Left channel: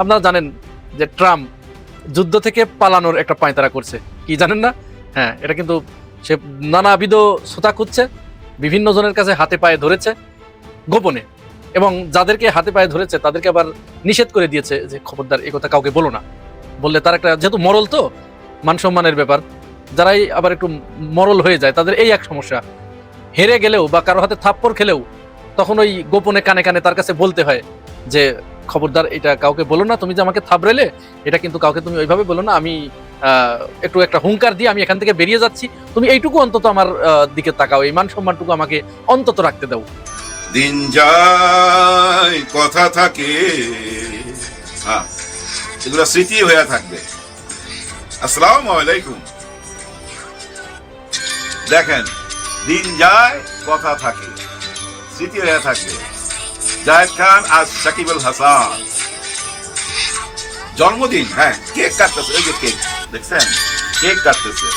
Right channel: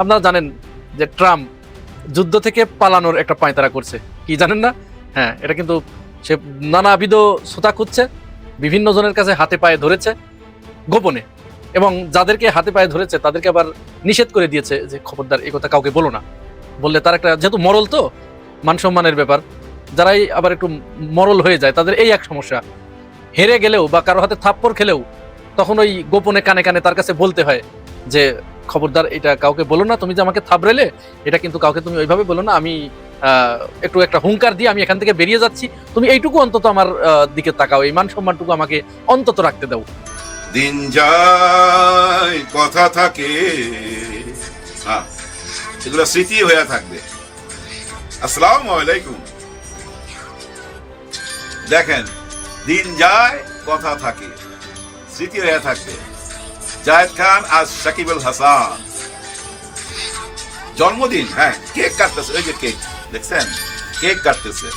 আপনারা জানেন যে ট্রাম্প যুদ্ধ থেকে পালানোর একটা পায়তারা করছে, কি জানেন না? হ্যাঁ, এটা কিন্তু সে নানাবিধ ছুতা খুঁজছে, বিভিন্ন জনের কাছে হাতে পায়ে ধরেছে গোপনে, এবং যাদেরকে হাতে পায়ে ধরেছে তাদেরকে আবার নিষেধ করে দিয়েছে যে খবরদার এই কথা কাউকে বলো না। বললে তার একটা, যেহেতু মরল তো, মান সম্মানের ব্যাপার, যারাই আবার একটু মরল হয়ে যায় তাদের এই এক সমস্যা, হেরে গেলেও বা কারো হাতে থাপ্পড় খেলেও তখন ওই গোপনে কানে কানে তার কাছে বলতে হয় যে খবরদার এটা কাউকে বলো না, তুমি যে আমাকে থাবড়ালে এটা কিন্তু কাউকে তুমি ওইভাবে বলো না, আমি একটু একটা হুঙ্কার দিয়ে আমি এখান থেকে বেরিয়ে যাচ্ছি, তুমি এইটুকু অন্তত আমার দিকে তাকাও, এই মান সম্মানটুকু আমাকে অন্তত রাখতে দাও। দিন যায় কথা থাকে, এগুলো স্মৃতি হয়ে থাকবে। আসসালামু আলাইকুম। দেখেন, দিন যায় কথা থাকে, স্মৃতি হয়ে থাকবে। জায়েদ খান আজ সাকিব আল হাসান জন্মদিন, হ্যাঁ, কেক কাটতেছে, ওই যে কেক দেখছেন, কেক কাটতেছে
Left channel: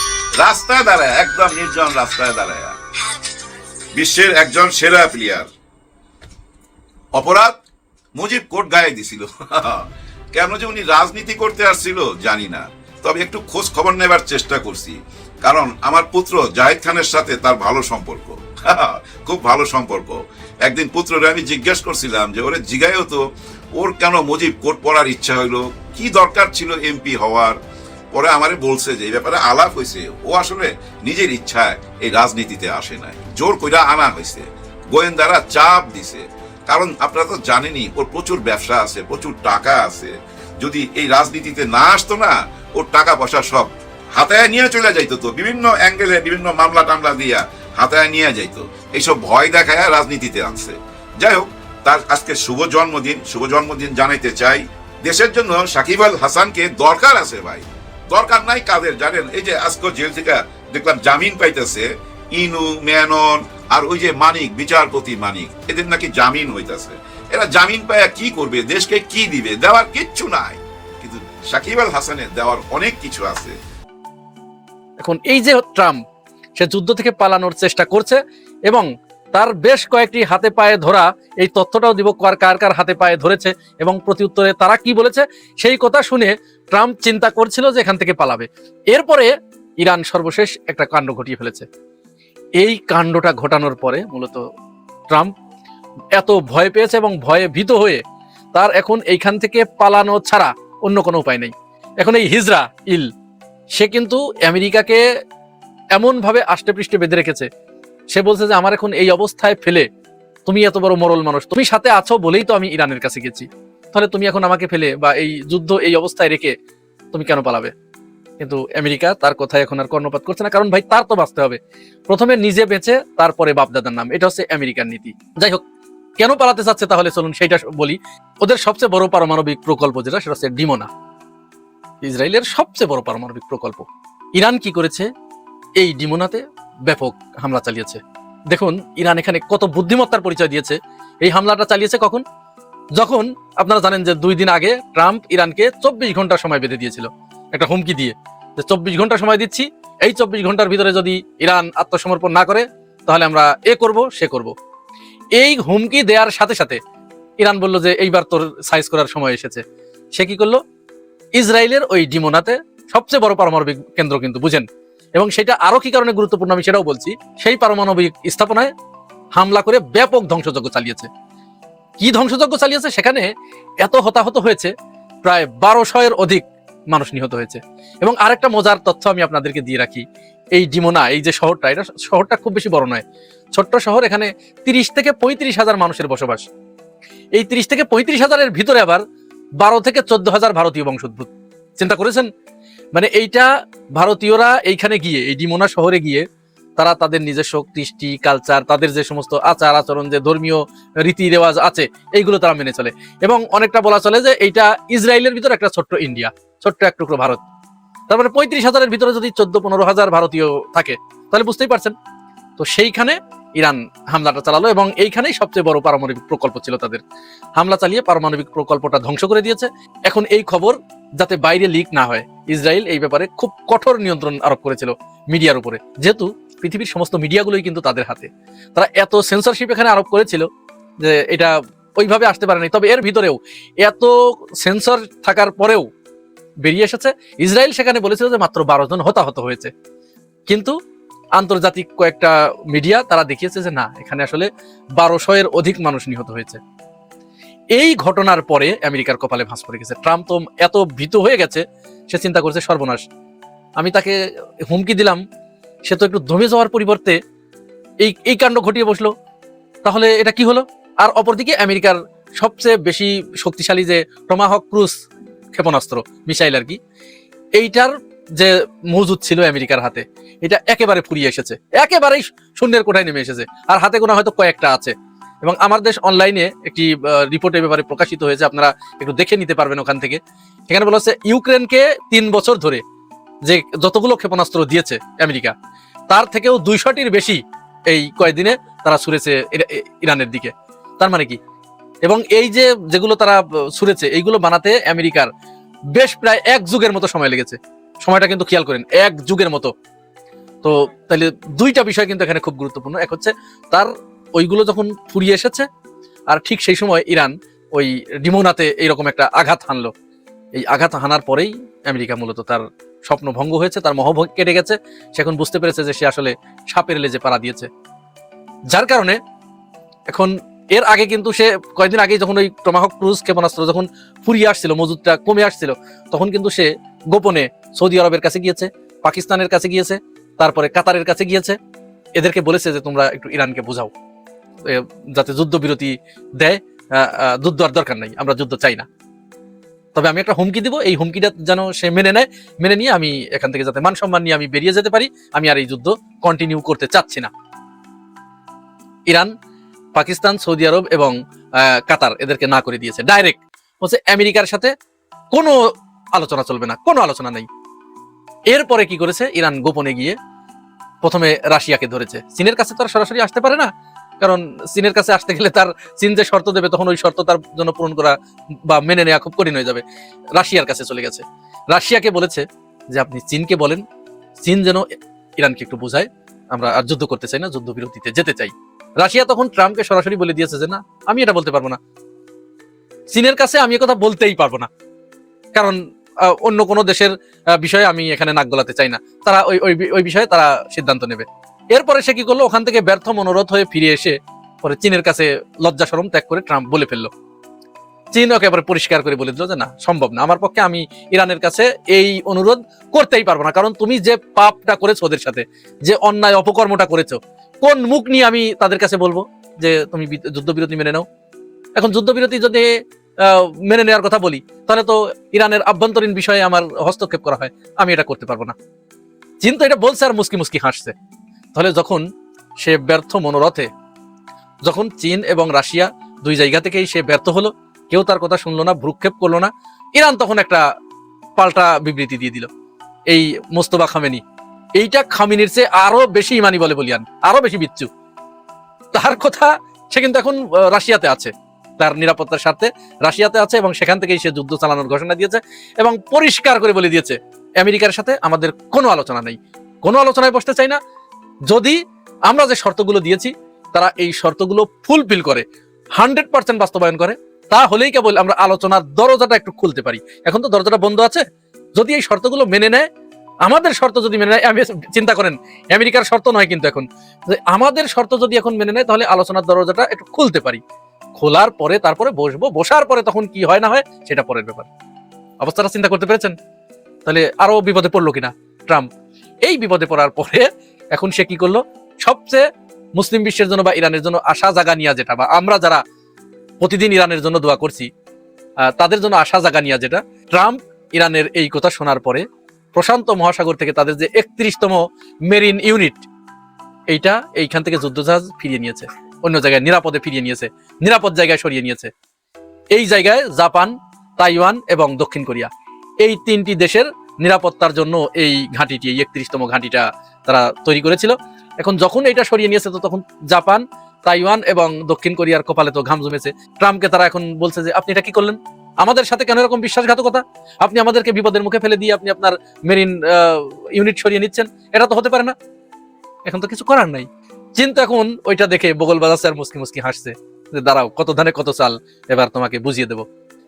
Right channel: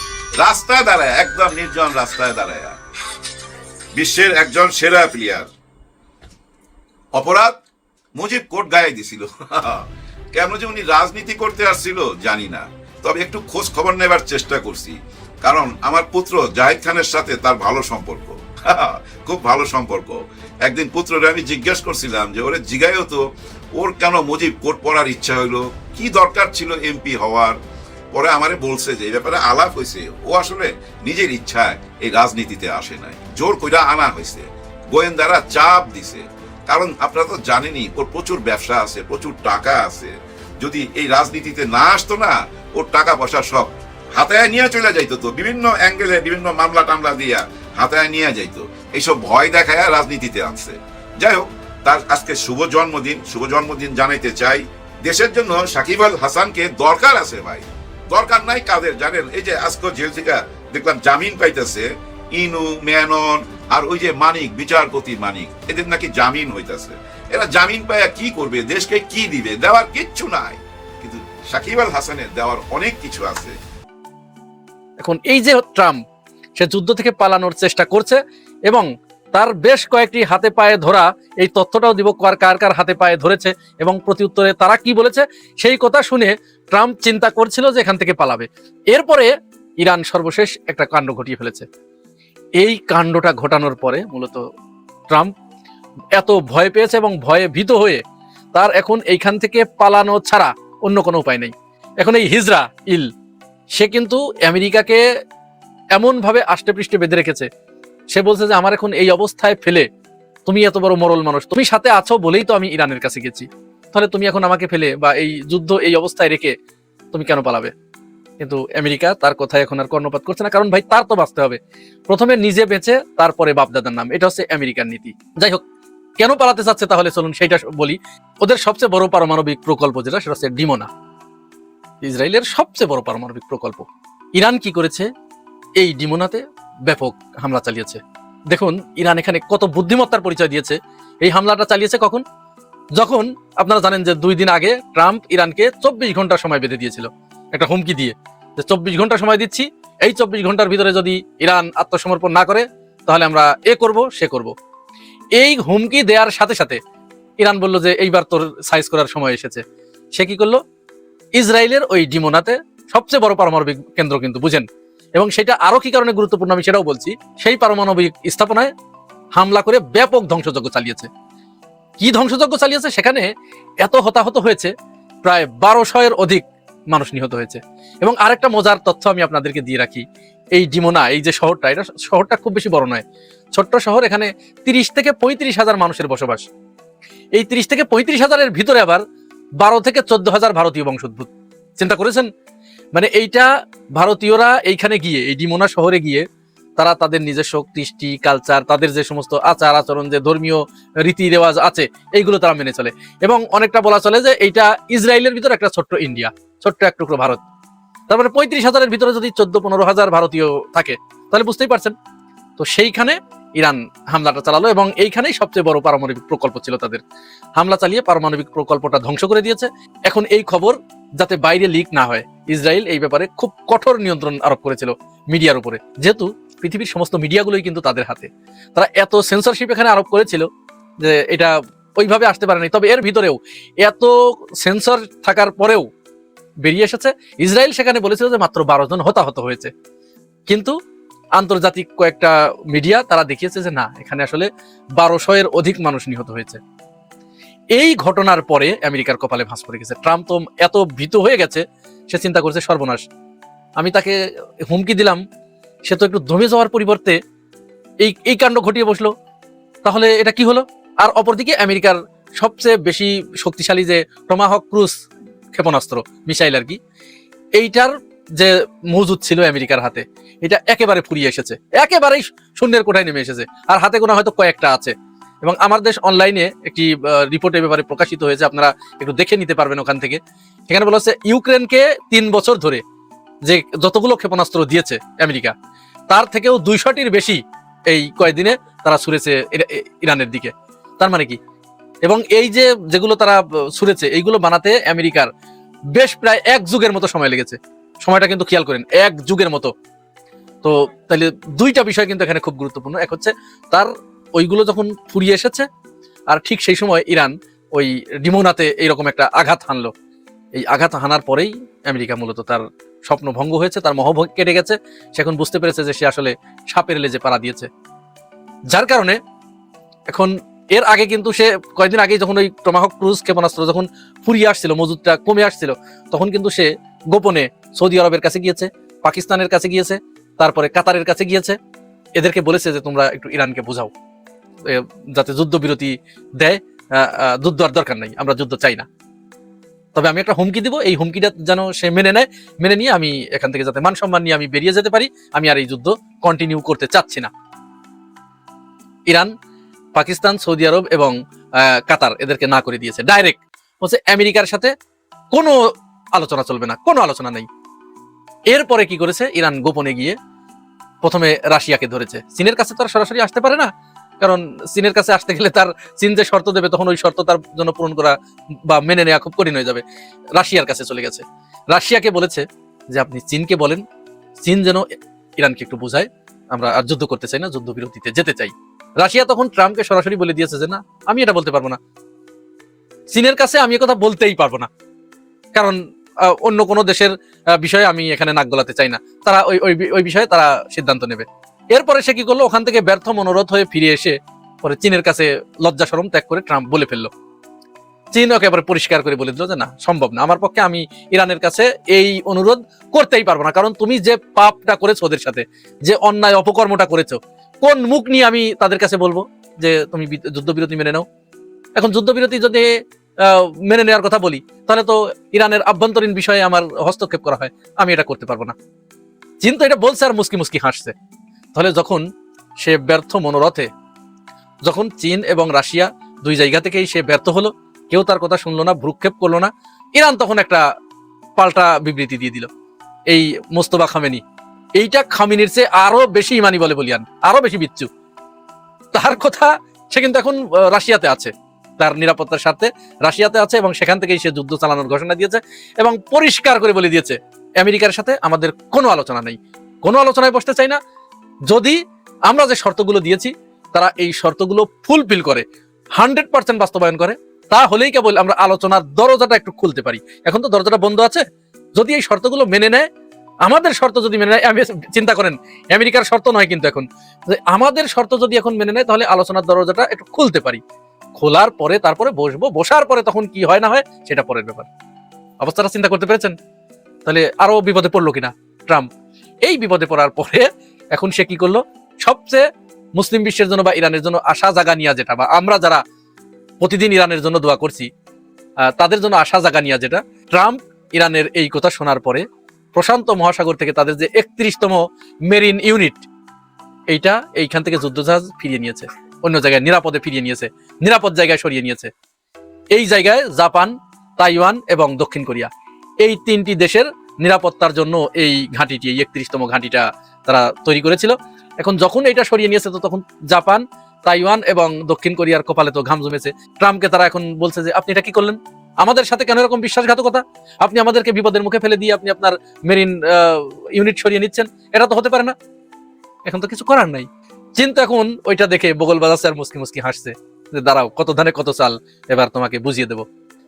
রাস্তায় দাঁড়ায়, একদম নির্জন রাস্তায় দাঁড়ায়। বিশ্বের একজন সেরা প্লেয়ার। অপরাধ মুজিব কোট গায়ে দিছিল। কেন যে উনি রাজনীতি করতে আসছিল জানি না, তবে একটু খোঁজ খবর নেবার চেষ্টা করছি, কারণ আমার পুত্র জায়েদ খানের সাথে তার ভালো সম্পর্ক, খুব ভালো সম্পর্ক। একদিন পুত্ররে আমি জিজ্ঞেস করছিলাম যে ওরে জিগায়ও তো ওর কেন মুজিব কোট পরার ইচ্ছা হইলো, কি দরকার ছিল এমপি হওয়ার। পরে আমারে বলছে যে এই ব্যাপারে আলাপ হয়েছে, ও আসলে নিজের ইচ্ছায় এই রাজনীতিতে আসে নাই, জোর কইরা আনা হয়েছে, গোয়েন্দারা চাপ দিছে। কারণ আপনারা তো জানেনই ওর প্রচুর ব্যবসা আছে, প্রচুর টাকা আছে। যদি এই রাজনীতিতে না আসতো না, ওর টাকা পয়সা সব হাতায় নিয়ে চলে যাইতো, তো বিভিন্ন অ্যাঙ্গেলে বিভিন্ন মামলা টামলা দিয়া হাতায় নিয়ে যাইতো। এইসব ভয় দেখায় রাজনীতিতে আসছে। যাই হোক, তার আজকে শুভ জন্মদিন, শুভ জন্মদিন জানাইতে চাই। দেশের জন্য সাকিব আল হাসানকে দরকার আছে ভাই, দরকার নাই কাদের জানেন? এই যে আজকে জেল থেকে দেখলাম জামিন পাইতেছে ইনু, মেনন আর ওই যে মানিক, বিচারপতি মানিক, এদের নাকি জামিন হইতেছে। এরা জামিন পায় কি করবে, দেশকে কি দিবে? দেওয়ার কিচ্ছু নাই, কিন্তু সাকিব আল হাসানের দেওয়ার অনেক কিছু আছে। এখন এই যে ট্রাম্প, সে যুদ্ধ থেকে পালানোর চেষ্টা করছে এবং তার বেশ কয়েকটি হাতে পায়ে ধরা, এই তথ্যটাও দিব কার কার কার হাতে পায়ে ধরেছে এবং প্রতি উত্তরে তারা কি বলেছে সেই কথা শুনে ট্রাম্প চিন্তা করছিল যে এখান থেকে পালাবে। এরপরে ইরান সর্বশেষ একটা কাণ্ড ঘটিয়ে ফেলেছে। এই কাণ্ডটা ঘটানোর পরে মূলত ট্রাম্প এত ভয় পেয়েছে এবং ভয়ে ভীত হয়ে তার এখন এইখান থেকে পালানো ছাড়া অন্য কোনো উপায় নেই। এখন এই হিজরা ইল, সে কিন্তু আমেরিকাকে এমন ভাবে আষ্টে পৃষ্ঠে বেঁধে রেখেছে, সে বলছে যে আমার এখন এই অবস্থায় ফেলে, তুমি এত বড় মরল মানুষ, তুমি সাথে আছো বলেই তো আমি ইরানের কাছে গেছি, তাহলে তুমি এখন আমাকে ফেলে বা এই যুদ্ধ এই অবস্থায় রেখে তুমি কেন পালাবে? কিন্তু আমেরিকা তার কথায় এখন আর কর্ণপাত করছে না, কারণ ভাই তার তো বাঁচতে হবে, প্রথমে নিজে বেঁচে তারপরে বাপদাদার নাম, এটা হচ্ছে আমেরিকার নীতি। যাই হোক, কেন পালাতে চাচ্ছে তাহলে চলুন সেইটা বলি। ওদের সবচেয়ে বড় পারমাণবিক প্রকল্প যেটা, সেটা হচ্ছে ডিমোনা, ইসরায়েলের সবচেয়ে বড় পারমাণবিক প্রকল্প। ইরান কি করেছে? এই ডিমোনাতে ব্যাপক হামলা চালিয়েছে। দেখুন ইরান এখানে কত বুদ্ধিমত্তার পরিচয় দিয়েছে। এই হামলাটা চালিয়েছে কখন? যখন আপনারা জানেন যে 2 দিন আগে ট্রাম্প ইরানকে 24 ঘন্টা সময় বেঁধে দিয়েছিল একটা হুমকি দিয়ে, যে 24 ঘন্টা সময় দিচ্ছি, এই 24 ঘন্টার ভিতরে যদি ইরান আত্মসমর্পণ না করে তাহলে আমরা এ করব সে করব। এই হুমকি দেওয়ার সাথে সাথে ইরান বলল যে এইবার তো সাইজ করার সময় এসেছে। সে কি করলো? ইসরায়েলের ওই ডিমোনাতে সবচেয়ে বড় পারমাণবিক কেন্দ্র কিন্তু, বুঝেন, এবং সেটা আরো কি কারণে গুরুত্বপূর্ণ আমি সেটাও বলছি, সেই পারমাণবিক স্থাপনায় হামলা করে ব্যাপক ধ্বংসযজ্ঞ চালিয়েছে। কি ধ্বংসযজ্ঞ চালিয়েছে? সেখানে এত হতাহত হয়েছে, প্রায় 1200-এর অধিক মানুষ নিহত হয়েছে। এবং আরেকটা মজার তথ্য আমি আপনাদেরকে দিয়ে রাখি, এই ডিমোনা, এই যে শহরটা, এটা শহরটা খুব বেশি বড় নয়, ছোট্ট শহর, এখানে 30 থেকে 35 হাজার মানুষের বসবাস। এই 30 থেকে 35 হাজারের ভিতরে আবার 12 থেকে 14 হাজার ভারতীয় বংশোদ্ভূত। চিন্তা করেছেন? মানে এইটা ভারতীয়রা এইখানে গিয়ে, এই ডিমোনা শহরে গিয়ে তারা তাদের নিজস্ব কৃষ্টি কালচার, তাদের যে সমস্ত আচার আচরণ, যে ধর্মীয় রীতি রেওয়াজ আছে, এইগুলো তারা মেনে চলে। এবং অনেকটা বলা চলে যে এইটা ইসরায়েলের ভিতরে একটা ছোট্ট ইন্ডিয়া, ছোট্ট এক টুকরো ভারত। তারপরে 35 হাজারের ভিতরে যদি 14-15 হাজার ভারতীয় থাকে তাহলে বুঝতেই পারছেন। তো সেইখানে ইরান হামলাটা চালালো এবং এইখানেই সবচেয়ে বড় পারমাণবিক প্রকল্প ছিল তাদের। হামলা চালিয়ে পারমাণবিক প্রকল্পটা ধ্বংস করে দিয়েছে। এখন এই খবর যাতে বাইরে লিক না হয়, ইসরায়েল এই ব্যাপারে খুব কঠোর নিয়ন্ত্রণ আরোপ করেছিল মিডিয়ার উপরে, যেহেতু পৃথিবীর সমস্ত মিডিয়াগুলোই কিন্তু তাদের হাতে। তারা এত সেন্সরশিপ এখানে আরোপ করেছিল যে এটা ওইভাবে আসতে পারেনি। তবে এর ভিতরেও এত সেন্সর থাকার পরেও বেরিয়ে এসেছে। ইসরায়েল সেখানে বলেছিল যে মাত্র 12 জন হতাহত হয়েছে, কিন্তু আন্তর্জাতিক কয়েকটা মিডিয়া তারা দেখিয়েছে যে না, এখানে আসলে 1200-এর অধিক মানুষ নিহত হয়েছে। এই ঘটনার পরে আমেরিকার কপালে ভাঁজ পড়ে গেছে। ট্রাম্প তো এত ভীত হয়ে গেছে, সে চিন্তা করছে সর্বনাশ, আমি তাকে হুমকি দিলাম, সে তো একটু দমে যাওয়ার পরিবর্তে এই এই কাণ্ড ঘটিয়ে বসলো, তাহলে এটা কি হলো? আর অপরদিকে আমেরিকার সবচেয়ে বেশি শক্তিশালী যে টমাহক ক্রুজ ক্ষেপণাস্ত্র মিসাইল আর কি, এইটার যে মজুদ ছিল আমেরিকার হাতে, এটা একেবারে ফুরিয়ে এসেছে, একেবারেই শূন্যের কোঠায় নেমে এসেছে। আর হাতে গোনা হয়তো কয়েকটা আছে। এবং আমার দেশ অনলাইনে একটি রিপোর্টের ব্যাপারে প্রকাশিত হয়েছে, আপনারা একটু দেখে নিতে পারবেন ওখান থেকে। এখানে বলা হচ্ছে ইউক্রেনকে 3 বছর ধরে যে যতগুলো ক্ষেপণাস্ত্র দিয়েছে আমেরিকা, তার থেকেও 200টির বেশি এই কয়েকদিনে তারা ছুড়েছে ইরানের দিকে। তার মানে কি? এবং এই যে যেগুলো তারা ছুড়েছে, এইগুলো বানাতে আমেরিকার বেশ প্রায় 1 যুগের মতো সময় লেগেছে। সময়টা কিন্তু খেয়াল করেন, 1 যুগের মতো। তো তাহলে দুইটা বিষয় কিন্তু এখানে খুব গুরুত্বপূর্ণ। এক হচ্ছে তার ওইগুলো যখন ফুরিয়ে এসেছে, আর ঠিক সেই সময় ইরান ওই ডিমোনাতে এইরকম একটা আঘাত হানলো। এই আঘাত হানার পরেই আমেরিকা মূলত তার স্বপ্ন ভঙ্গ হয়েছে, তার মোহ কেটে গেছে। সে এখন বুঝতে পেরেছে যে সে আসলে সাপের লেজে পাড়া দিয়েছে। যার কারণে এখন এর আগে কিন্তু সে কয়েকদিন আগে যখন ওই টমাহক ক্রুজ ক্ষেপণাস্ত্র যখন ফুরিয়ে আসছিল, মজুদটা কমে আসছিল, তখন কিন্তু সে গোপনে সৌদি আরবের কাছে গিয়েছে, পাকিস্তানের কাছে গিয়েছে, তারপরে কাতারের কাছে গিয়েছে। এদেরকে বলেছে যে তোমরা একটু ইরানকে বুঝাও যাতে যুদ্ধবিরতি দেয়। যুদ্ধ আর দরকার নাই, আমরা যুদ্ধ চাই না, তবে আমি একটা হুমকি দিব, এই হুমকিটা যেন সে মেনে নেয়। মেনে নিয়ে আমি এখান থেকে যাতে মান সম্মান নিয়ে আমি বেরিয়ে যেতে পারি, আমি আর এই যুদ্ধ কন্টিনিউ করতে চাচ্ছি না। ইরান, পাকিস্তান, সৌদি আরব এবং কাতার এদেরকে না করে দিয়েছে। ডাইরেক্ট হচ্ছে আমেরিকার সাথে কোনো আলোচনা চলবে না, কোনো আলোচনা নেই। এরপরে কি করেছে, ইরান গোপনে গিয়ে প্রথমে রাশিয়াকে ধরেছে। চীনের কাছে তো আর সরাসরি আসতে পারে না, কারণ চীনের কাছে আসতে গেলে তার চীন যে শর্ত দেবে, তখন ওই শর্ত তার জন্য পূরণ করা বা মেনে নেওয়া খুব কঠিন হয়ে যাবে। রাশিয়ার কাছে চলে গেছে, রাশিয়াকে বলেছে যে আপনি চীনকে বলেন, চীন যেন ইরানকে একটু বোঝায় আমরা আর যুদ্ধ করতে চাই না, যুদ্ধবিরতিতে যেতে চাই। রাশিয়া তখন ট্রাম্পকে সরাসরি বলে দিয়েছে যে না, আমি এটা বলতে পারবো না, চীনের কাছে আমি কথা বলতেই পারবো না, কারণ অন্য কোনো দেশের বিষয়ে আমি এখানে নাক গলাতে চাই না। তারা ওই বিষয়ে তারা সিদ্ধান্ত নেবে। এরপরে সে কি করলো, ওখান থেকে ব্যর্থ মনোরথ হয়ে ফিরে এসে পরে চীনের কাছে লজ্জা শরম ত্যাগ করে ট্রাম্প বলে ফেললো। চীন ওকে আবার পরিষ্কার করে বলে দিল যে না, সম্ভব না, আমার পক্ষে আমি ইরানের কাছে এই অনুরোধ করতেই পারবো না, কারণ তুমি যে পাপটা করেছো ওদের সাথে, যে অন্যায় অপকর্মটা করেছো, কোন মুখ নিয়ে আমি তাদের কাছে বলবো যে তুমি যুদ্ধবিরতি মেনে নাও? এখন যুদ্ধবিরতি যদি মেনে নেওয়ার কথা বলি, তাহলে তো ইরানের আভ্যন্তরীণ বিষয়ে আমার হস্তক্ষেপ করা হয়, আমি এটা করতে পারবো না। চীন তো এটা বলছে আর মুস্কি মুস্কি হাসছে। তাহলে যখন সে ব্যর্থ মনোরথে, যখন চীন এবং রাশিয়া দুই জায়গা থেকেই সে ব্যর্থ হলো, কেউ তার কথা শুনলো না, ভ্রুক্ষেপ করলো না, ইরান তখন একটা পাল্টা বিবৃতি দিয়ে দিল, এই মোস্তফা খামেনি। এইটা খামেনির চেয়ে আরো বেশি ইমানি বলে বলিয়ান, আরো বেশি বিচ্ছু। তার কথা সে কিন্তু এখন রাশিয়াতে আছে, তার নিরাপত্তার সাথে রাশিয়াতে আছে, এবং সেখান থেকেই সে যুদ্ধ চালানোর ঘোষণা দিয়েছে এবং পরিষ্কার করে বলে দিয়েছে আমেরিকার সাথে আমাদের কোনো আলোচনা নেই, কোনো আলোচনায় বসতে চাই না। যদি আমরা যে শর্তগুলো দিয়েছি তারা এই শর্তগুলো ফুলফিল করে, 100% বাস্তবায়ন করে, তাহলেই কেবল আমরা আলোচনার দরজাটা একটু খুলতে পারি। এখন তো দরজাটা বন্ধ আছে। যদি এই শর্তগুলো মেনে নেয়, আমাদের শর্ত যদি মেনে নেয়, আমি চিন্তা করেন আমেরিকার শর্ত নয় কিন্তু এখন, আমাদের শর্ত যদি এখন মেনে নেয়, তাহলে আলোচনার দরজাটা একটু খুলতে পারি। খোলার পরে তারপরে বসবো, বসার পরে তখন কি হয় না হয় সেটা পরের ব্যাপার। অবস্থাটা চিন্তা করতে পেরেছেন? তাহলে আরো বিপদে পড়লো কিনা ট্রাম্প? এই বিপদে পড়ার পরে এখন সে কি করলো, সবচেয়ে মুসলিম বিশ্বের জন্য বা ইরানের জন্য আশা জাগা নিয়ে যেটা, বা আমরা যারা প্রতিদিন ইরানের জন্য দোয়া করছি তাদের জন্য আশা জাগা নিয়ে যেটা, ট্রাম্প ইরানের এই কথা শোনার পরে প্রশান্ত মহাসাগর থেকে তাদের যে 31তম মেরিন ইউনিট, এইটা এইখান থেকে যুদ্ধজাহাজ ফিরিয়ে নিয়েছে, অন্য জায়গায় নিরাপদে ফিরিয়ে নিয়েছে, নিরাপদ জায়গায় সরিয়ে নিয়েছে। এই জায়গায় জাপান, তাইওয়ান এবং দক্ষিণ কোরিয়া, এই 3টি দেশের নিরাপত্তার জন্য এই ঘাঁটিটি, 31তম ঘাঁটিটা তারা তৈরি করেছিল। এখন যখন এটা সরিয়ে নিয়েছে, তো তখন জাপান, তাইওয়ান এবং দক্ষিণ কোরিয়ার কপালে তো ঘাম জমেছে। ট্রাম্পকে তারা এখন বলছে যে আপনি এটা কি করলেন, আমাদের সাথে কেন এরকম বিশ্বাসঘাতকতা, আপনি আমাদেরকে বিপদের মুখে ফেলে দিয়ে আপনি আপনার মেরিন ইউনিট সরিয়ে নিচ্ছেন, এটা তো হতে পারে না। এখন তো কিছু করার নাই। চীন তো এখন ওইটা দেখে বগল বাজাচ্ছে আর মুস্কি মুস্কি হাসছে যে দাঁড়াও, কত ধানে কত চাল, এবার তোমাকে বুঝিয়ে দেবো।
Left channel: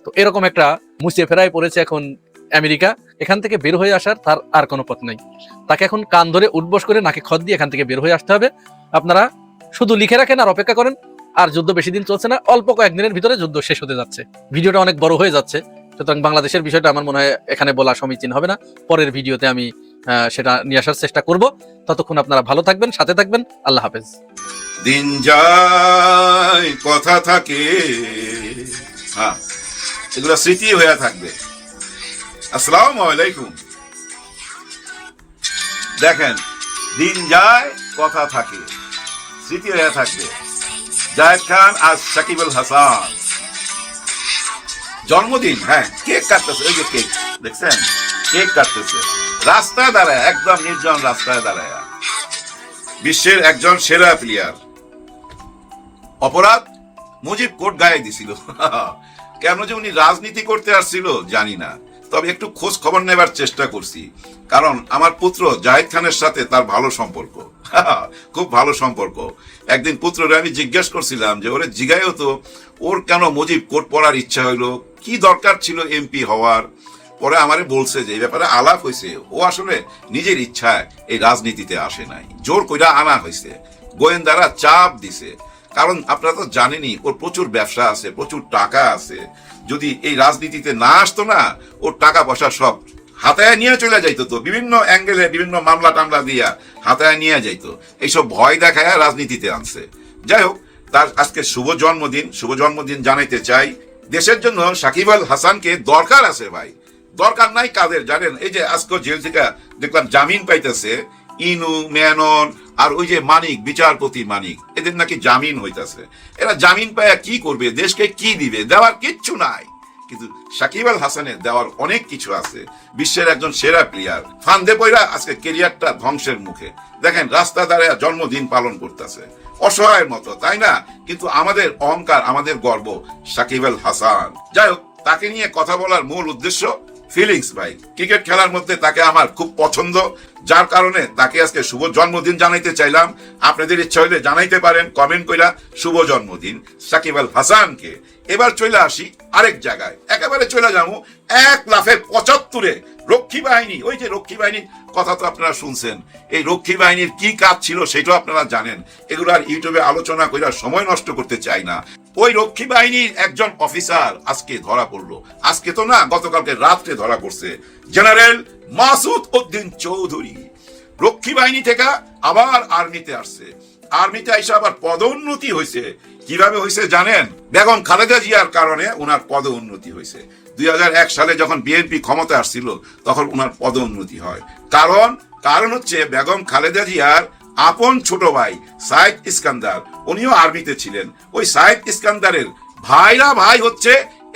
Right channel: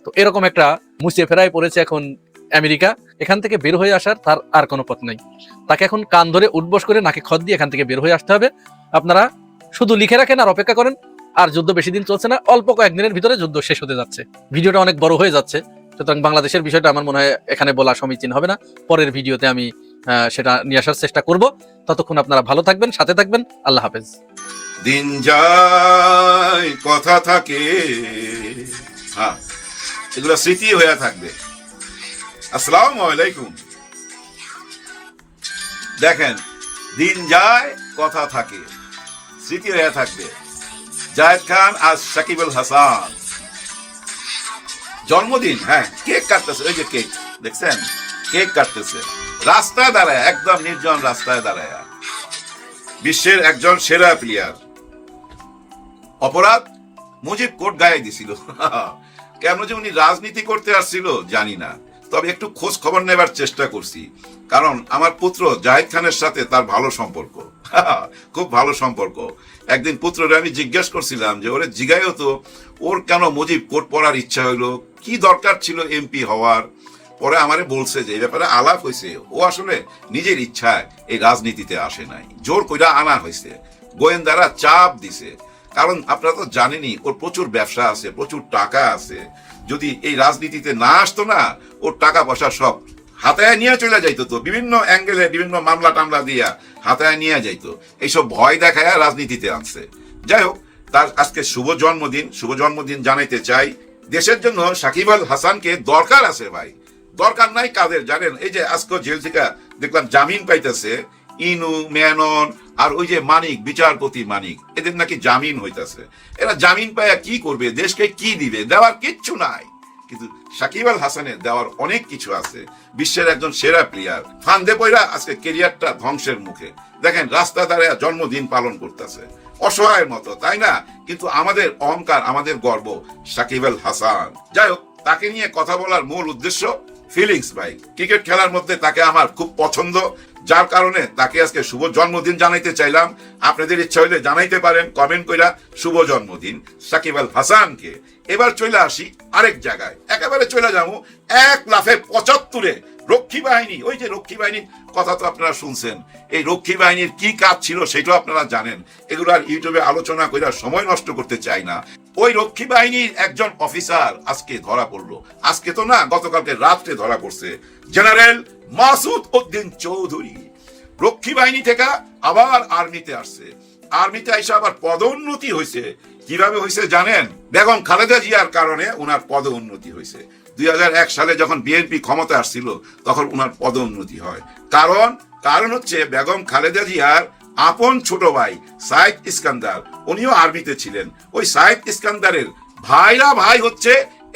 তো এরকম একটা মুছে ফেরায় পড়েছে এখন আমেরিকা। এখান থেকে বের হয়ে আসার তার আর কোনো পথ নাই। তাকে এখন কান ধরে উঠবস করে নাকে খত দিয়ে এখান থেকে বের হয়ে আসতে হবে। আপনারা শুধু লিখে রাখেন আর অপেক্ষা করেন। আর যুদ্ধ বেশি দিন চলছে না, অল্প কয়েকদিনের ভিতরে যুদ্ধ শেষ হতে যাচ্ছে। ভিডিওটা অনেক বড় হয়ে যাচ্ছে, সুতরাং বাংলাদেশের বিষয়টা আমার মনে হয় এখানে বলা সমীচীন হবে না। পরের ভিডিওতে আমি সেটা নিয়ে আসার চেষ্টা করব। ততক্ষণ আপনারা ভালো থাকবেন, সাথে থাকবেন। আল্লাহ হাফেজ। দিন যায় কথা থাকে, হ্যাঁ এগুলো স্মৃতি হয়ে থাকবে। আসসালামু আলাইকুম। দেখেন, দিন যায় কথা থাকে, স্মৃতি হয়ে থাকবে। জায়েদ খান আর সাকিব আল হাসান জন্মদিন, হ্যাঁ কেক কাটতেছে, ওই যে কেক দেখছেন, কেক কাটতেছে রাস্তায় দাঁড়ায়, একদম নির্জন রাস্তায় দাঁড়ায়। বিশ্বের একজন সেরা প্লেয়ার। অপরাধ মুজিব কোট গায়ে দিছিল। কেন যে উনি রাজনীতি করতে আসছিল জানি না, তবে একটু খোঁজ খবর নেবার চেষ্টা করছি, কারণ আমার পুত্র জায়েদ খানের সাথে তার ভালো সম্পর্ক, খুব ভালো সম্পর্ক। একদিন পুত্ররে আমি জিজ্ঞেস করছিলাম যে ওরে জিগায়ও তো, ওর কেন মুজিব কোট পরার ইচ্ছা হইলো, কি দরকার ছিল এমপি হওয়ার। পরে আমারে বলছে যে এই ব্যাপারে আলাপ হয়েছে, ও আসলে নিজের ইচ্ছায় এই রাজনীতিতে আসে নাই, জোর কইরা আনা হয়েছে, গোয়েন্দারা চাপ দিছে। কারণ আপনারা তো জানেনই ওর প্রচুর ব্যবসা আছে, প্রচুর টাকা আছে। যদি এই রাজনীতিতে না আসতো না, ওর টাকা পয়সা সব হাতায় নিয়ে চলে যাইতো, তো বিভিন্ন অ্যাঙ্গেলে বিভিন্ন মামলা টামলা দিয়া হাতায় নিয়ে যাইতো। এইসব ভয় দেখায় রাজনীতিতে আসছে। যাই হোক, তার আজকে শুভ জন্মদিন, শুভ জন্মদিন জানাইতে চাই। দেশের জন্য সাকিব আল হাসানকে দরকার আছে ভাই, দরকার নাই কাদের জানেন? এই যে আজকে জেল থেকে দেখলাম জামিন পাইতেছে ইনু, মেনন আর ওই যে মানিক, বিচারপতি মানিক, এদের নাকি জামিন হইতাছে। এরা জামিন পায় কি করবে, দেশকে কি দিবে? দেওয়ার কিচ্ছু নাই। কিন্তু সাকিব আল হাসানের দেওয়ার অনেক কিছু আছে। বিশ্বের একজন সেরা প্লেয়ার, ফান্দে পয়রা আজকে ক্যারিয়ারটা ধ্বংসের মুখে। দেখেন রাস্তা দাঁড়ায় জন্মদিন পালন করতেছে, অসহায়ের মতো, তাই না? কিন্তু আমাদের অহংকার, আমাদের গর্ব সাকিব আল হাসান। যাই হোক, তাকে নিয়ে কথা বলার মূল উদ্দেশ্য ফিলিংস ভাই। ক্রিকেট খেলার মধ্যে তাকে আমার খুব পছন্দ, যার কারণে তাকে আজকে শুভ জন্মদিন জানাইতে চাইলাম। আপনাদের ইচ্ছা হলে জানাইতে পারেন কমেন্ট কইরা, শুভ জন্মদিন সাকিব আল হাসানকে। এবার চলে আসি আরেক জায়গায়, একেবারে চলে যাবো এক লাফে 75-এ রক্ষী বাহিনী। ওই যে রক্ষী বাহিনীর কথা তো আপনারা শুনছেন, এই রক্ষী বাহিনীর কি কাজ ছিল সেটাও আপনারা জানেন। এগুলো আর ইউটিউবে আলোচনা করে সময় নষ্ট করতে চাই না। ওই রক্ষী বাহিনীর একজন অফিসার আজকে ধরা পড়লো, আজকে তো না, গতকালকে রাত্রে ধরা পড়ছে। জেনারেল মাসুদ উদ্দিন চৌধুরী রক্ষী বাহিনী থেকে আবার আর্মিতে আসছে। আর্মিতে এসে আবার পদোন্নতি হয়েছে। কিভাবে হয়েছে জানেন? বেগম খালেদা জিয়ার কারণে ওনার পদোন্নতি হয়েছে। 2001 সালে যখন বিএনপি ক্ষমতা আসছিল তখন ওনার পদোন্নতি হয়। কারণ হচ্ছে বেগম খালেদা জিয়ার আপন ছোট ভাই সাইদ ইস্কান্দার, উনিও আর্মিতে ছিলেন। ওই সাইদ ইস্কান্দারের ভাই হচ্ছে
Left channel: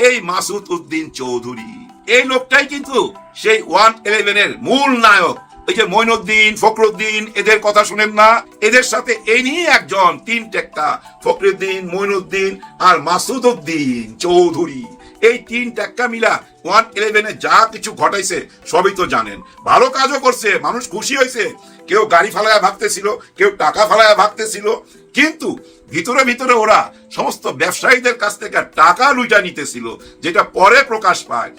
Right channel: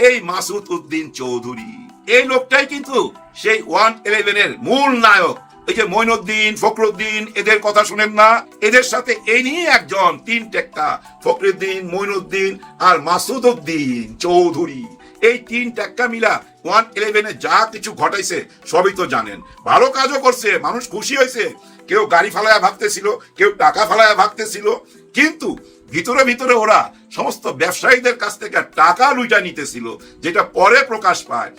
এই মাসুদ উদ্দিন চৌধুরী। এই লোকটাই কিন্তু সেই 111 এর মূল নায়ক। এই যে মঈনুদ্দিন, ফখরুদ্দিন, এদের কথা শুনেন না? এদের সাথে এই নিয়ে একজন, তিন টেক্কা, ফখরুদ্দিন, মঈনুদ্দিন আর মাসুদ উদ্দিন চৌধুরী। এই তিন টেক্কা মিলা 111 যা কিছু ঘটাইছে সবই তো জানেন। ভালো কাজও করছে, মানুষ খুশি হয়েছে। কেউ গাড়ি ফালায় ভাগতেছিল, কেউ টাকা ফালায় ভাগতেছিল, কিন্তু ভিতরে ভিতরে ওরা সমস্ত ব্যবসায়ীদের কাছ থেকে টাকা লুইটা নিতেছিল, যেটা পরে প্রকাশ পায়।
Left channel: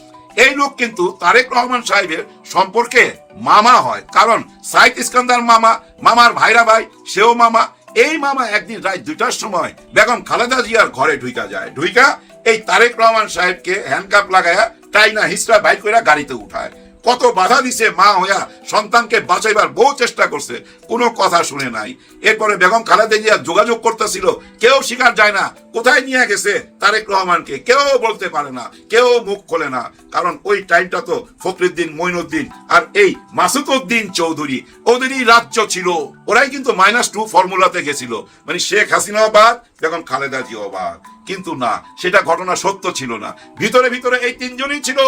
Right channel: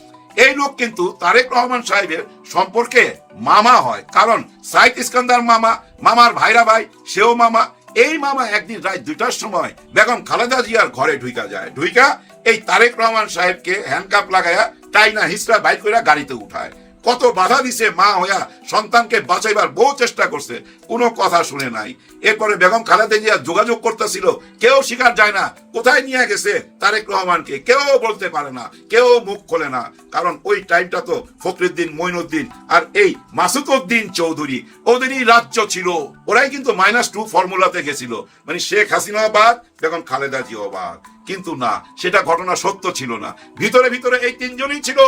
এই লোক কিন্তু তারেক রহমান সাহেবের সম্পর্কে মামা হয়, কারণ সাইদ ইস্কান্দার মামা, মামার ভাইরা ভাই, সেও মামা। এই মামা একদিন রাত 2টার সময় বেগম খালেদা জিয়ার ঘরে ঢুইকা যায়। ঢুইকা এই তারেক রহমান সাহেবকে হ্যান্ডকাপ লাগায়া টাইনা হিসরা বাইর করে গাড়িতে উঠায়। কত বাধা দিছে মা হইয়া, সন্তানকে বাঁচাইবার বহু চেষ্টা করছে, কোনো কথা শুনে নাই। এরপরে বেগম খালেদা জিয়া যোগাযোগ করতেছিল, কেউ স্বীকার যায় না কোথায় নিয়ে গেছে তারেক রহমানকে, কেউ বলতে পারে না, কেউ মুখ খোলে না। কারণ ওই টাইমটা তো ফখরুদ্দিন, মঈনুদ্দিন আর এই মাসুদ উদ্দিন চৌধুরী ওদেরই রাজ্য ছিল। ওরাই কিন্তু -2 ফর্মুলাতে গেছিল, মানে শেখ হাসিনা বাদ, বেগম খালেদা জিয়া বাদ। কিন্তু না, সেটা ঘটনা সত্য ছিল না। ভিতরে ভিতরে এই তিনজনই ছিল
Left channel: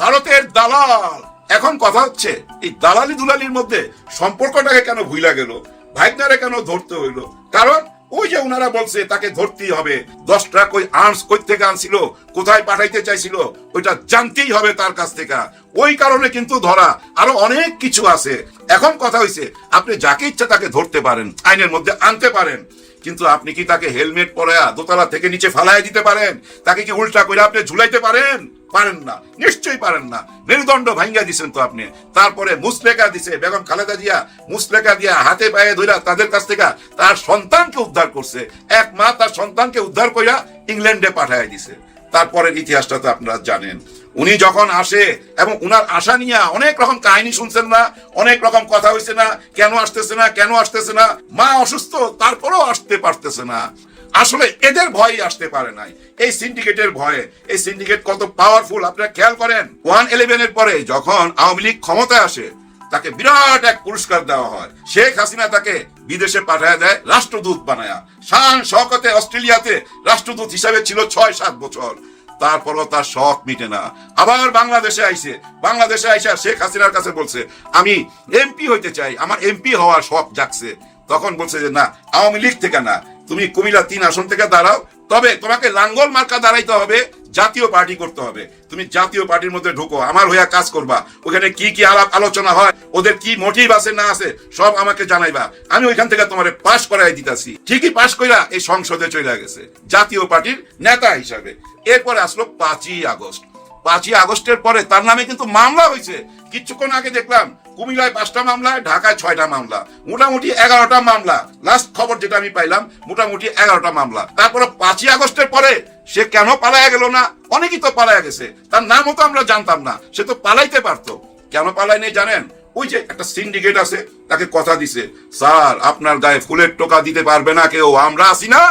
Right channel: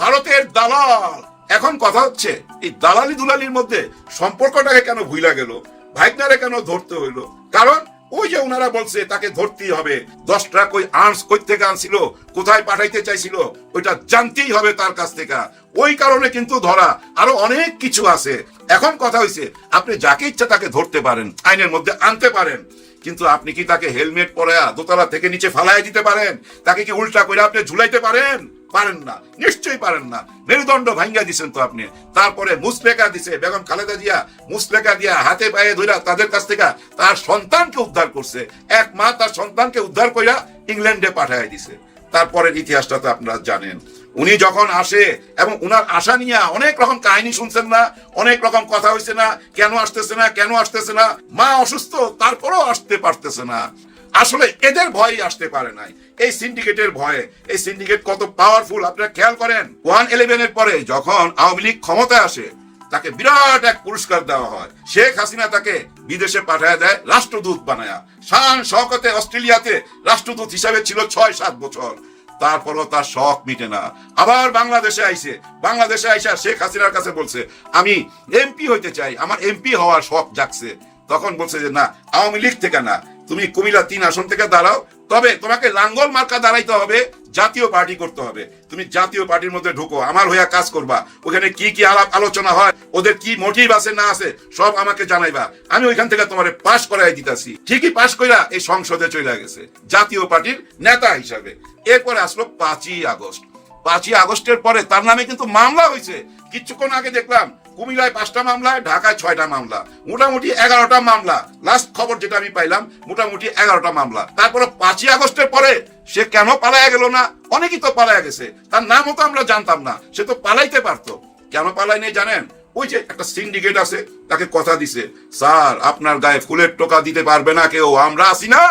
ভারতের দালাল। এখন কথা হচ্ছে এই দালালি দুলালির মধ্যে সম্পর্কটাকে কেন ভুইলা গেল, ভাইনারে কেন ধরতে হইলো? কারণ ওই যে ওনারা বলছে তাকে ধরতেই হবে, 10 ট্রাক ওই আর্মস কই থেকে আনছিল, কোথায় পাঠাইতে চাইছিল, ওইটা জানতেই হবে তার কাছ থেকে। ওই কারণে কিন্তু ধরা। আরো অনেক কিছু আছে। এখন কথা হইছে আপনি যাকে ইচ্ছা তাকে ধরতে পারেন, আইনের মধ্যে আনতে পারেন, কিন্তু আপনি কি তাকে হেলমেট পরায়া দোতলা থেকে নিচে ফালাই দিতে পারেন? তাকে কি উল্টা করে আপনি ঝুলাইতে পারেন? পারেন না, নিশ্চয়ই পারেন না। মেরুদণ্ড ভাঙ্গা দিছেন তো আপনি। তারপরে মুসলেকা দিছে বেগম খালেদা জিয়া, মুসলেকা দিয়া হাতে পায়ে ধরে তাদের কাছ থেকে তার সন্তানকে উদ্ধার করছে। এক মা তার সন্তানকে উদ্ধার কইরা ইংল্যান্ডে পাঠায় দিছে। তারপরের ইতিহাসটা তো আপনারা জানেন। উনি যখন আসে এবং উনার আশা নিয়ে অনেক রকম কাহিনী শুনছেন না, অনেক রকম কথা হয়েছে না, কেন আসতেছে না, কেন আসতেছে না, মা অসুস্থ তারপরেও আসতে পারতেছে না। আসলে এদের ভয় আসতে পারে নাই, এই সিন্ডিকেটের ভয়ে। এই সিন্ডিকেট কত পাওয়ারফুল আপনারা খেয়াল করেন। 111 এর পরে যখন আওয়ামী লীগ ক্ষমতায় আসে, তাকে বিরাট এক পুরস্কার দেওয়া হয়। শেখ হাসিনা তাকে বিদেশে পাঠায় দেয় রাষ্ট্রদূত বানায়া। শান শওকতে অস্ট্রেলিয়াতে রাষ্ট্রদূত হিসাবে ছিল 6-7 বছর। তারপরও তার শখ মিটে না। আবার বাংলাদেশে আইসে, বাংলাদেশে আইসা শেখ হাসিনার কাছে বলছে আমি এমপি হইতে চাই, আমার এমপি হওয়ার শখ জাগছে। তখন বলছে যে না, আওয়ামী লীগ থেকে না, তুমি কুমিল্লা 3 আসন থেকে দাঁড়াও, তবে তোমাকে লাঙ্গল মার্কা দাঁড়াইতে হবে, জাতীয় পার্টি করতে হবে। তুমি জাতীয় পার্টির মধ্যে ঢুকো, আমার হইয়া কাজ করবা। ওখানে কি কি আলাপ আলোচনা হয়, ওদের কি মোটিভ আছে না আছে সব আমাকে জানাইবা। আমি ওইখান থেকে তোমার পাশ করাই দিতেছি। ঠিকই পাশ কইরা এই সংসদে চলে গেছে জাতীয় পার্টির নেতা হিসাবে। এরপরে আসলো 5ই আগস্ট। 5ই আগস্টের পরে তার নামে কিন্তু মামলা হয়েছে। কিছুক্ষণ আগে দেখলাম কুমিল্লায় 5টা মামলা, ঢাকায় 6টা মামলা, মোটামুটি 11টা মামলা। লাস্ট খবর যেটা আমি পাইলাম মোটামুটি 11টা মামলা। তারপরে 5ই আগস্টের পরে সে কেন পালায়া গেল না? অনেকেই তো পালায়া গেছে, তার নামও তো আমরা জানতাম না। সে তো পালাইতে পারতো, কেন পালায় নেই জানেন? ওই যে একটা সিন্ডিকেট আছে, তাকে কথা দিছে, স্যার আপনার গায়ে ফুলের টোকা দিতে পারবে না কেউ, আমরা আছি না,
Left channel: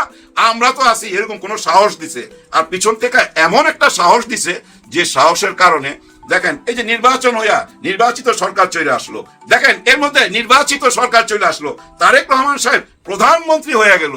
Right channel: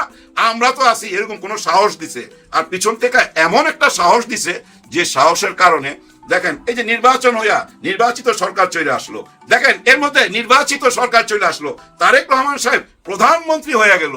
আমরা তো আছি, এরকম কোন সাহস দিছে। আর পিছন থেকে এমন একটা সাহস দিছে যে সাহসের কারণে দেখেন এই যে নির্বাচন হইয়া নির্বাচিত সরকার চলে আসলো। দেখেন এর মধ্যে নির্বাচিত সরকার চলে আসলো, তারেক রহমান সাহেব প্রধানমন্ত্রী হয়ে গেল।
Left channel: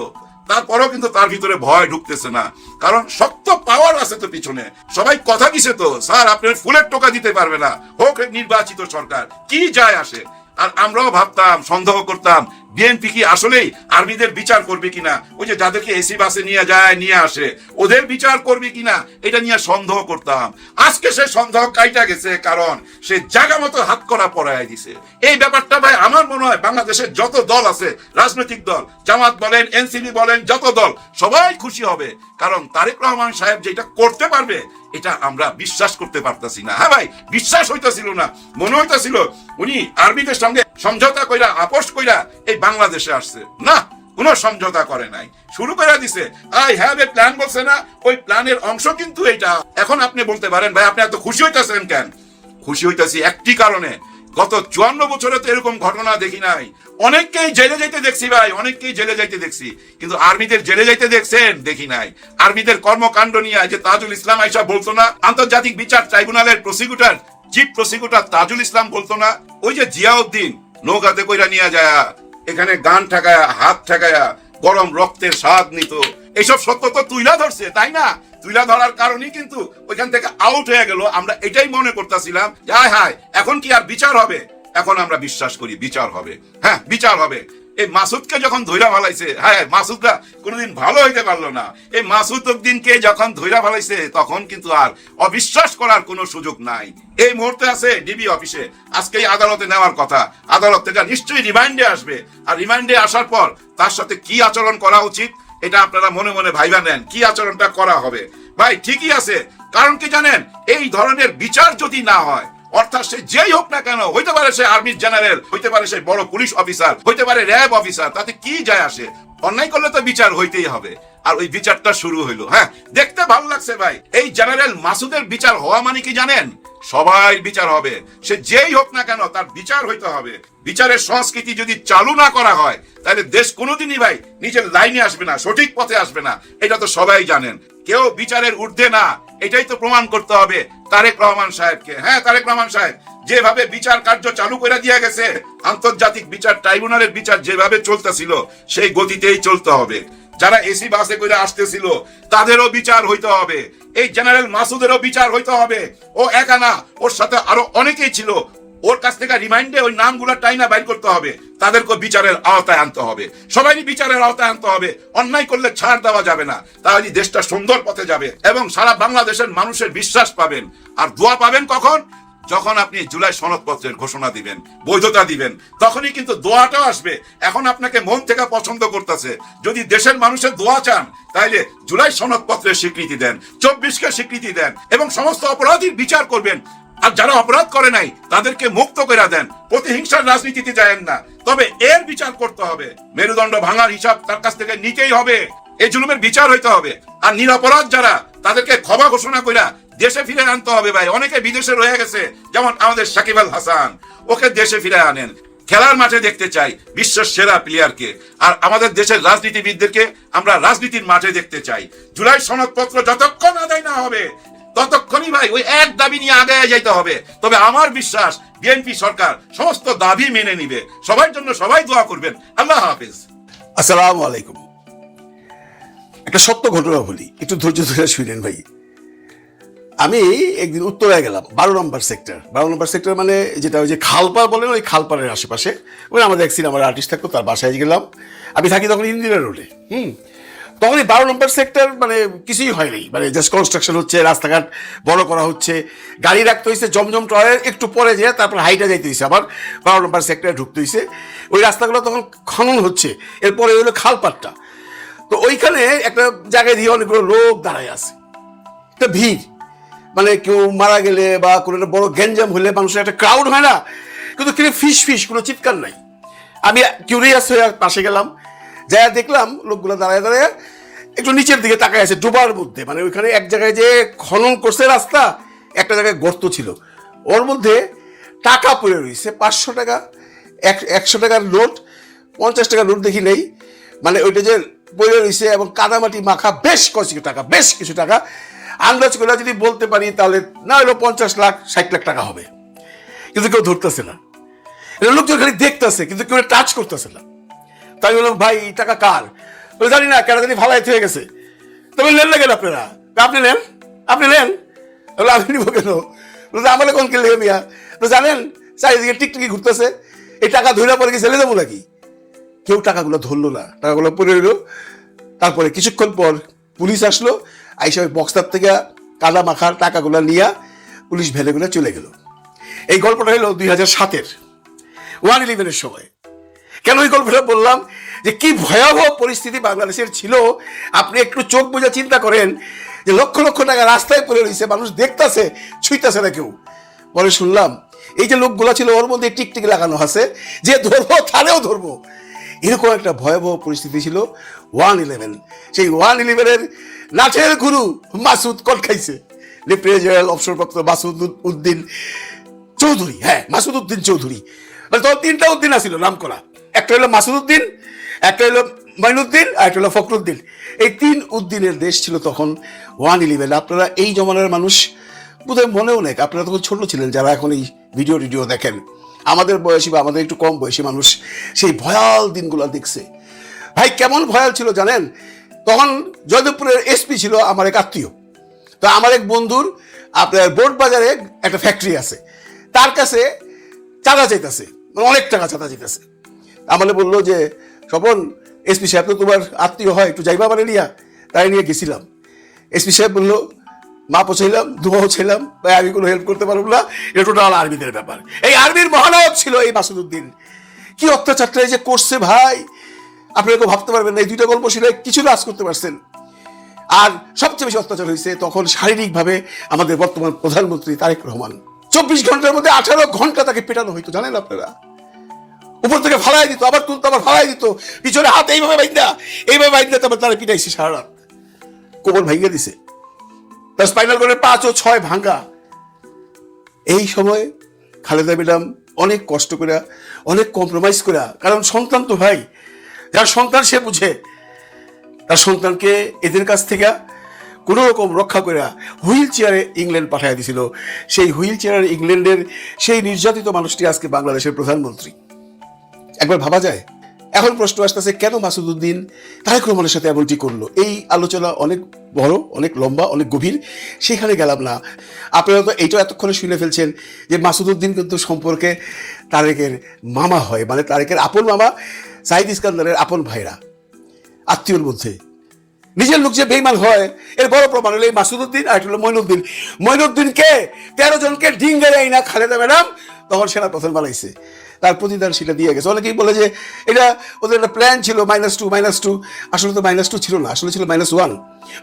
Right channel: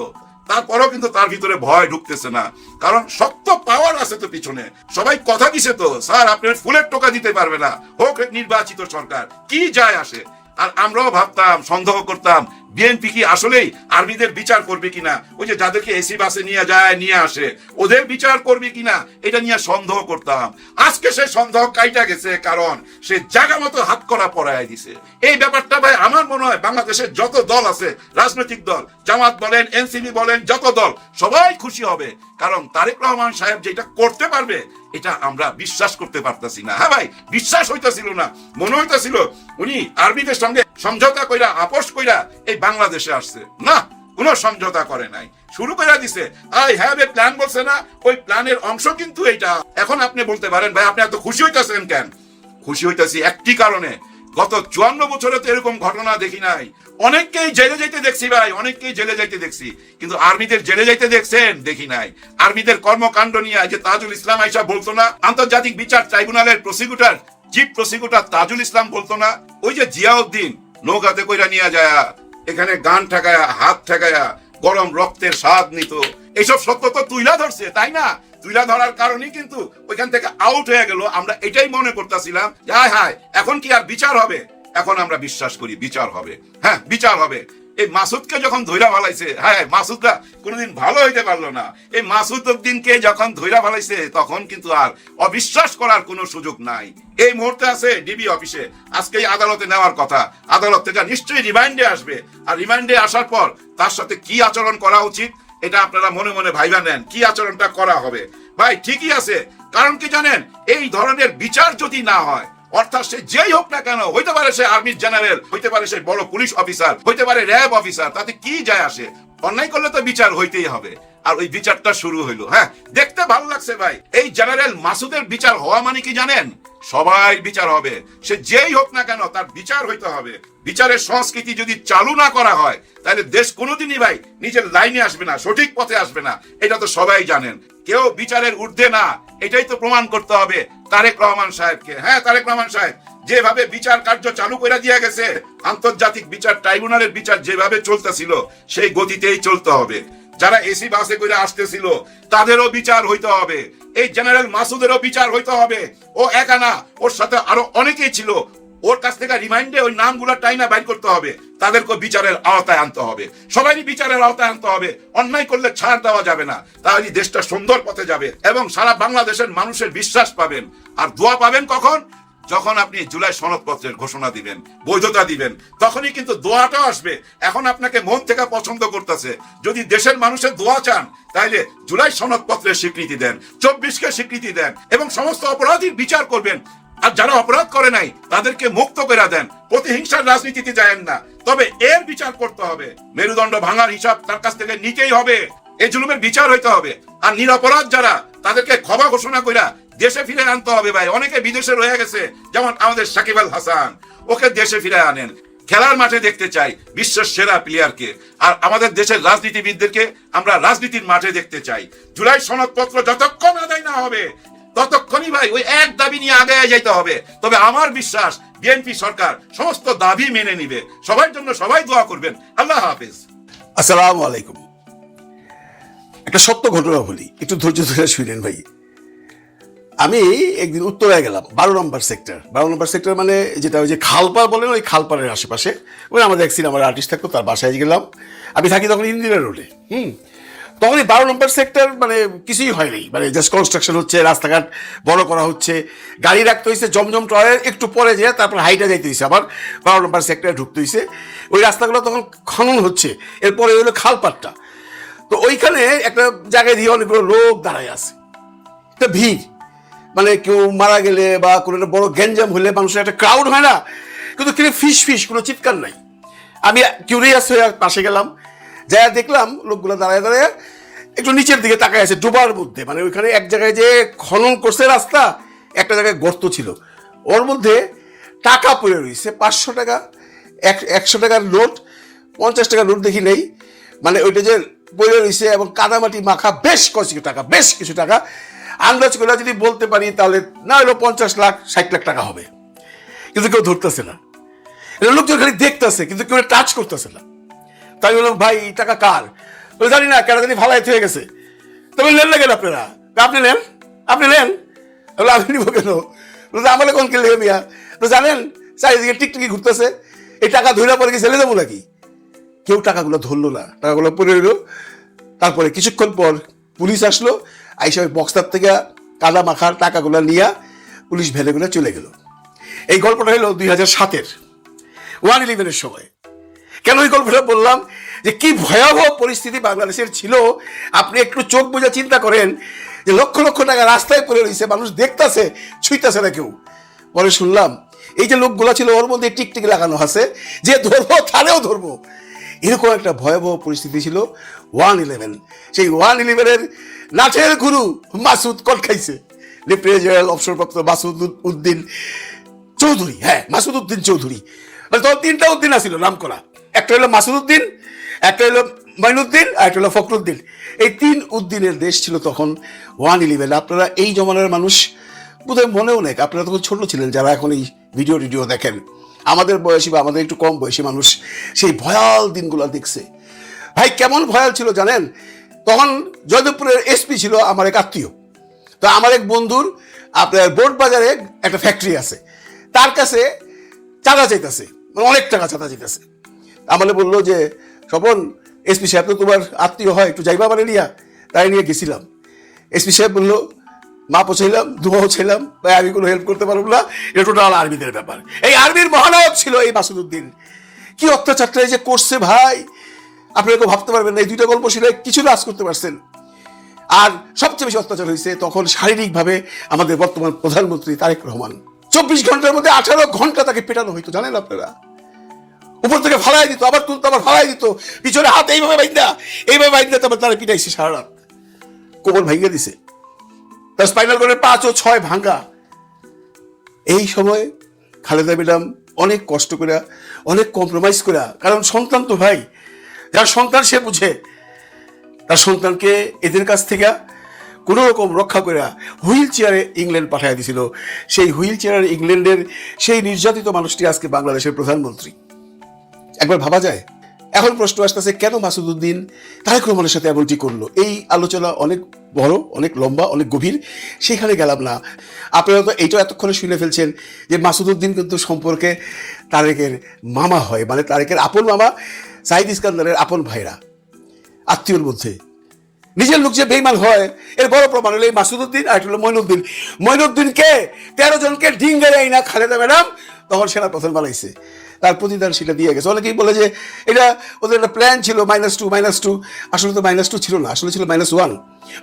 তারপরেও কিন্তু তার ভিতরে ভয় ঢুকতেছে না, কারণ শক্ত পাওয়ার আছে তো পিছনে। সবাই কথা দিছে তো, স্যার আপনার ফুলের টোকা দিতে পারবে না, হোক নির্বাচিত সরকার, কি যায় আসে। আর আমরাও ভাবতাম, সন্দেহ করতাম, বিএনপি কি আসলেই আর্মিদের বিচার করবে কিনা, ওই যে যাদেরকে এসি বাসে নিয়ে যায় নিয়ে আসে ওদের বিচার করবে কিনা, এটা নিয়ে সন্দেহ করতাম। আজকে সে সন্দেহ কাইটা গেছে, কারণ সে জায়গা মতো হাত করা পড়ায় দিছে। এই ব্যাপারটা ভাই আমার মনে হয় বাংলাদেশের যত দল আছে, রাজনৈতিক দল, জামাত বলেন, এনসিপি বলেন, যত দল, সবাই খুশি হবে। কারণ তারেক রহমান সাহেব যেটা করতে পারবে এটা আমরা বিশ্বাস করতে পারতেছি না। হ্যাঁ ভাই, বিশ্বাস হইতেছিল না। মনে হইতেছিল উনি আর্মিদের সঙ্গে সমঝোতা কইরা, আপোষ কইরা এই বাংলাদেশে আসছে। না, কোন সমঝোতা করে নাই, শুরু করে দিছে। আই হ্যাভ এ প্ল্যান বলছে না, ওই প্ল্যানের অংশ কিন্তু এটা। এখন আপনি বলতে পারেন ভাই আপনি এত খুশি হইতেছেন কেন? খুশি হইতেছি একটি কারণে, গত 54 বছরে তো এরকম ঘটনা দেখি নাই। অনেককেই জেলে যাইতে দেখছি ভাই, অনেককেই জেলে যাইতে দেখছি, কিন্তু আর্মিদের জেলে যাইতে দেখছেন দেখি নাই। আর্মিদের কর্মকাণ্ড নিয়ে যে তাজুল ইসলাম আইসা বলতো না, আন্তর্জাতিক বিচার ট্রাইব্যুনালের prosecutor, chief prosecutor Tajul Islam বলতো না, ওই যে জিয়াউদ্দিন নৌকাতে কইরা নিয়ে যায়, এখানে গান ঠেকায়া, হাত ঠেকায়া, গরম রক্তের স্বাদ নিত। এইসব সত্য তো তুইলা ধরছে, তাই না? তুইলা ধরার কারণেই কিন্তু ওইখান থেকে আউট হয়ে গেল। আমরা এটাই মনে করতেছিলাম, হায় হায় এখন কি আর বিচার হবে? এখন আমরা বিশ্বাস করি বিচার হবে। হ্যাঁ, বিচার হবে। এই মাসুদকে যখন ধৈরা ফেলাইছে, হ্যাঁ মাসুদরা কোনোদিন ভালো হইতে পারলো না। এই মাসুদ উদ্দিনকে যখন ধৈরা ফেলাইছে তখন কিন্তু আর অবিশ্বাস করার কোনো সুযোগ নাই। এই মুহূর্তে আছে ডিবি অফিসে, আজকে আদালতে নেওয়ার কথা। আদালত থেকে নিশ্চয়ই রিমান্ডে আসবে, আর রিমান্ডে আসার পর তার সাথে কি আচরণ করা উচিত এটা আপনারা মনে মনে ভাইবা নেন, কি আচরণটা করা হবে। ভাই ঠিকই আছে, কারণ কি জানেন, এই ধরনের বিচার যদি না হয়, অর্থাৎ সে যেই হোক না কেন, হইতে পারে সে আর্মির জেনারেল, হইতে পারে সে বড় পুলিশ অফিসার, হইতে পারে র্যাব অফিসার, তাতে কি যায় আসে? অন্যায় করলে তো বিচার হইতেই হবে। আর ওই বিচারটা শুরু হইলো। হ্যাঁ, দেখতে ভালো লাগছে ভাই। এই জেনারেল মাসুদের বিচার হওয়া মানে কি জানেন? সবাই বিচার হবে, সে যেই হোক না কেন তার বিচার হইতে হবে। বিচারের সংস্কৃতি যদি চালু না করা হয় তাহলে দেশ কোনোদিনই ভাই নিজের লাইনে আসবে না, সঠিক পথে আসবে না। এটা তো সবাই জানেন। কেউ বিচারের ঊর্ধ্বে না, এটাই তো প্রমাণ করতে হবে তারেক রহমান সাহেবকে। হ্যাঁ, তারেক রহমান সাহেব যেভাবে বিচার কার্য চালু করে দিয়ে গেছে, আন্তর্জাতিক বিচার ট্রাইব্যুনালের বিচার যেভাবে চলতেছিল সেই গতিতেই চলতে হবে। যারা এসি বাসে করে আসতেছিল তাদেরও বিচার হইতে হবে। এই জেনারেল মাসুদেরও বিচার হইতে হবে। ও একা না, ওর সাথে আরো অনেকেই ছিল। ওর কাছ থেকে রিমাইন্ডে ওই নামগুলো টাইনা বাইর করতে হবে, তাদেরকে বিচারের আওতায় আনতে হবে। সবাই বিচারের আওতায় আনতে হবে। অন্যায় করলে ছাড় দেওয়া যাবে না, তাহলে দেশটা সুন্দর পথে যাবে এবং সারা বাংলাদেশের মানুষের বিশ্বাস পাবেন। আর দোয়া পাবেন কখন? যখন আপনি জুলাই সনদপত্রের ঘোষণা দিবেন, বৈধতা দিবেন, তখনই কিন্তু দোয়াটাও আসবে। এখন আপনাকে মন থেকে পছন্দ করতেছে। যদি দেশের মানুষের দোয়া চান, তাইলে জুলাই সনদপত্রের স্বীকৃতি দেন, 24কে স্বীকৃতি দেন এবং সমস্ত অপরাধীর বিচার করবেন। আর যারা অপরাধ করে নাই তাদেরকে মুক্ত করে দেন। প্রতিহিংসার রাজনীতিতে যায়েন না, তবে এর বিচার করতে হবে। মেরুদণ্ড ভাঙার হিসাব তার কাছ থেকে নিতেই হবে। এই জুলুমের বিচার হইতে হবে। আর নিরপরাধ যারা, তাদেরকে ক্ষমা ঘোষণা কইরা দেশে ফিরে আনতে হবে। ভাই, অনেকে বিদেশে রয়ে গেছে, যেমন আমাদের সাকিব আল হাসান, ওকে দেশে ফিরে আনেন। খেলার মাঠে দেখতে চাই বিশ্বের সেরা প্লেয়ারকে, আর আমাদের দেশের রাজনীতিবিদদেরকে আমরা রাজনীতির মাঠে দেখতে চাই। জুলাই সনদপত্র যতক্ষণ আদায় না হবে, ততক্ষণই ভাই ওই এক দাবি নিয়ে আগে যাইতে হবে। তবে আমার বিশ্বাস বিএনপি সরকার সমস্ত দাবি মেনে নিবে। সবার জন্য সবাই দোয়া করবেন। আল্লাহ হাফেজ। আসসালামু আলাইকুম। একটা সত্য ঘটনা বলি, একটু ধৈর্য ধরে শুনেন ভাই। আমি একদিন উত্তরায় গেলাম, 12 নম্বর সেক্টর মানে যেটা ওই যে খালপাড় বলে, ওই খালপাড়ের আশেপাশে ওই আমাদের এক সিনেমার আর্টিস্ট থাকতো, তার বাসায় গেলাম। আমি থাকি তখন ইন্দিরা রোডে। তখন এই 12 নম্বর সেক্টর মানে কিছুই হয়নি, মানে জাস্ট কনস্ট্রাকশন হচ্ছে, রাস্তাঘাট বড় করা হচ্ছে, গাড়ি রাখতে হয়েছে জমজম টয়ের একটু পরে যেয়ে, তারপর হাইটা যাইতে হয়েছে, আবার 12 নম্বর সেক্টরে ঢুকতে হয়েছে। ওই রাস্তাগুলো তখন খনন হচ্ছে, এরপরে হলো খালপাড়টা। তো ওইখানে একটা জায়গায় দিয়ে অনেকগুলো লোক দাঁড়ায় আছে, একটা ভিড়, মানে কেউ মারা গেলে বা কোনো একটা বড় গ্যাঞ্জাম হলে মানুষের একটা ক্রাউড হয় না, কিন্তু কেউ ফিস কোনো চিৎকার নাই। আমি কিউরিয়াস হয়ে পাশে গেলাম, যাই দেখলাম লোকগুলো দাঁড়ায় দাঁড়ায় একটু নিচের দিকে তাকায় আছে, ডোবার মধ্যে। মানে ওইখানে এক জায়গায় যে খনন করছে রাস্তা, একটা জায়গায় গর্ত ছিল, ওর মধ্যে টাকা পড়ে রয়েছে, 500 টাকা, 100 টাকার নোট, 50 টাকার নোট দেখি নেই, মানে ওইটা যে পড়ে রয়েছে, এবং কাদামাটি মাখা বেশ কিছু টাকা। আন্দাজ করে যদি বলতে পারি তাহলে না হলো 50 লাখ 60 লাখ টাকা হবে, কিন্তু কেউ ধরতেছে না। লোকজন খালি দেখতেছে, কিন্তু কেউ টাচ করতেছে না। তাই বললাম, ভাই এই টাকা কার? বলে জানি না, কেন জানি ভালাই হয়ে গেছে। তবে নেন না কেন আপনারা? আপনি নেন বলে আমি নিব কেন? আমালে কোন কেলে মিয়া? তো জানেন চারিদিকে টিকটিকি ঘুরতেছে, এই টাকা ধরে পরে কি ছেলে যাবো নাকি? কেউ টাকাগুলো ধরলো না, টাকাগুলো পড়ে রইল। তারপরে কিছুক্ষণ পর পুলিশ আসলো, আইসা ওই বক্সটার থেকে কাদা মাখার টাকাগুলো নিয়ে পুলিশ ভ্যানে করে চলে গেল। এই গল্পটা হলো 2007-এর 1/11-এর সময়। কেন এই গল্পটা বললাম? যে কি ভয়াবহ পরিস্থিতি বাংলাদেশের ছিল। আপনি একটু চোখ বুঝে চিন্তা করেন যে লক্ষ লক্ষ টাকা রাস্তায় পড়ে রয়েছে, মানুষ দেখতেছে, ছুঁইতেছে না কেউ। পরে শুনলাম এই যে লোকগুলো ছিল, ওর মধ্যে টিকটিকি লাগানো আছে, যে ধরবো তাহলেও ধরবো। এরকম একটা ভয়াবহ পরিস্থিতি ছিল 1/11। সেই 1/11-এর নাচের গুরু মাসুদ কোন খাইছে, লেফটেন্যান্ট জেনারেল অবসরপ্রাপ্ত মাসুদ উদ্দিন চৌধুরী। হ্যাঁ, মাসুদ উদ্দিন চৌধুরী। তিনটা উদ্দিন আছিল নাম করা, একটা হলো মাসুদ উদ্দিন, একটা হলো মাইনুদ্দিন, আর একটা হলো ফখরুদ্দিন। এই 3 উদ্দিনের দেশ ছিল তখন 1/11। আপনারা এই জমানার মানুষ বোধহয় মনেও নেই, আপনারা তখন ছোট ছিলেন যারা এখন এই ভিডিও দেখেন। আমাদের বয়সী বা আমাদের একটু কম বয়সী মানুষ সেই ভয়াল দিনগুলো দেখছে। ভাই কেমন ভয়াল ছিল জানেন? তখন জয়দেবপুরের এসপি ছিল আমার এক আত্মীয়। তো আমার এক বন্ধুর আপনার বোট বাজারে একটা ফ্যাক্টরি আছে, তার কাছে চাঁদা চাইতেছে, অনেক টাকা চাঁদা চাইতেছে। আমাকে বললো যে স্বপন, এসপি সাহেব তো তোমার আত্মীয় হয়, তো যাইবা মানে নিয়া। তাই নিয়ে গেছিলাম। এসপি সাহেব বললো, মা পৌঁছাইলাম, দুবাও ছিলাম, তাই আমি কোনো হেল্প করতে পারবো না, এটা টোটাল আর্মিদের ব্যাপার। এই আর্মির মহানায়ক ছিল এই মাসুদ উদ্দিন। কি অত্যাচারটা যে করছে ভাই, আপনারা তো ভাবতে পারবেন। এই 2টা গল্প শুনে কিছু কাজ করতে পারছেন। আর সবচেয়ে বেশি অত্যাচার হয়েছে তখন শারীরিক ভাবে আমাদের বর্তমান প্রধানমন্ত্রী তারেক রহমান। 24 ঘন্টার মধ্যে 18 ঘন্টা তাকে পেটানো হইতো, জানেন আপনারা? উপর থেকে ফালাই দিত, আবার তুলতো, আবার ফালাই দিত, পিছনে হাত এইভাবে বাইন্দা তারপর তারা পিটাইছে সারা রাত। কোমর ভাঙিয়ে দিছে, তার স্পাইনাল কর্ডের 5 ও 6 ভাঙা। এই সময় খালেদা ম্যাডাম অনেক কষ্ট করে, অনেক কম্প্রোমাইজ করে, কারণ সন্তান তো ভাই, যার সন্তান সে বুঝে, তার সন্তানকে এদের কাছ থেকে কোন রকম রক্ষা করে হুইল চেয়ারে ইংল্যান্ড পাঠিয়ে দিয়েছিল। সেই হুইল চেয়ারের ইংল্যান্ডের সেই নির্যাতিত মানুষটি আজকে বাংলাদেশের প্রধানমন্ত্রী। একবার ভাবা যায়? এখন প্রশ্ন আসতেছে, কেন মাসুদ উদ্দিন তারেক রহমানের সাথে এমনটি করলো? এই আলোচনা অনেক বড়, অনেক লম্বা, অনেক গভীর, সেখানে গেলাম না। আপনারা তো এইটা এতক্ষণে শুনে ফেলছেন যে মাসুদ উদ্দিন কিন্তু সম্পর্কে তারেকের মামা হয়, মানে তারেকের আপন মামা, সাইদ ইস্কান্দারের আপন ভাইরা, আত্মীয়র মধ্যে। নিজের লোক যে বেইমান হয় এর বড় প্রমাণ হলো এই মাসুদউদ্দিন আর একটা হলো মঈনুদ্দিন। মঈনুদ্দিনকে 13 জনকে ডিঙ্গে দেয় না খালেদা ম্যাডাম, তখন সেনা প্রধান বানাইছে, তার প্রতিদান সেটা দিয়ে গেছে। অনেকেই বলে যে এটা ওদের একটা প্ল্যান ছিল -2, আসলে তো -2 ছিল না, আসলে ছিল -1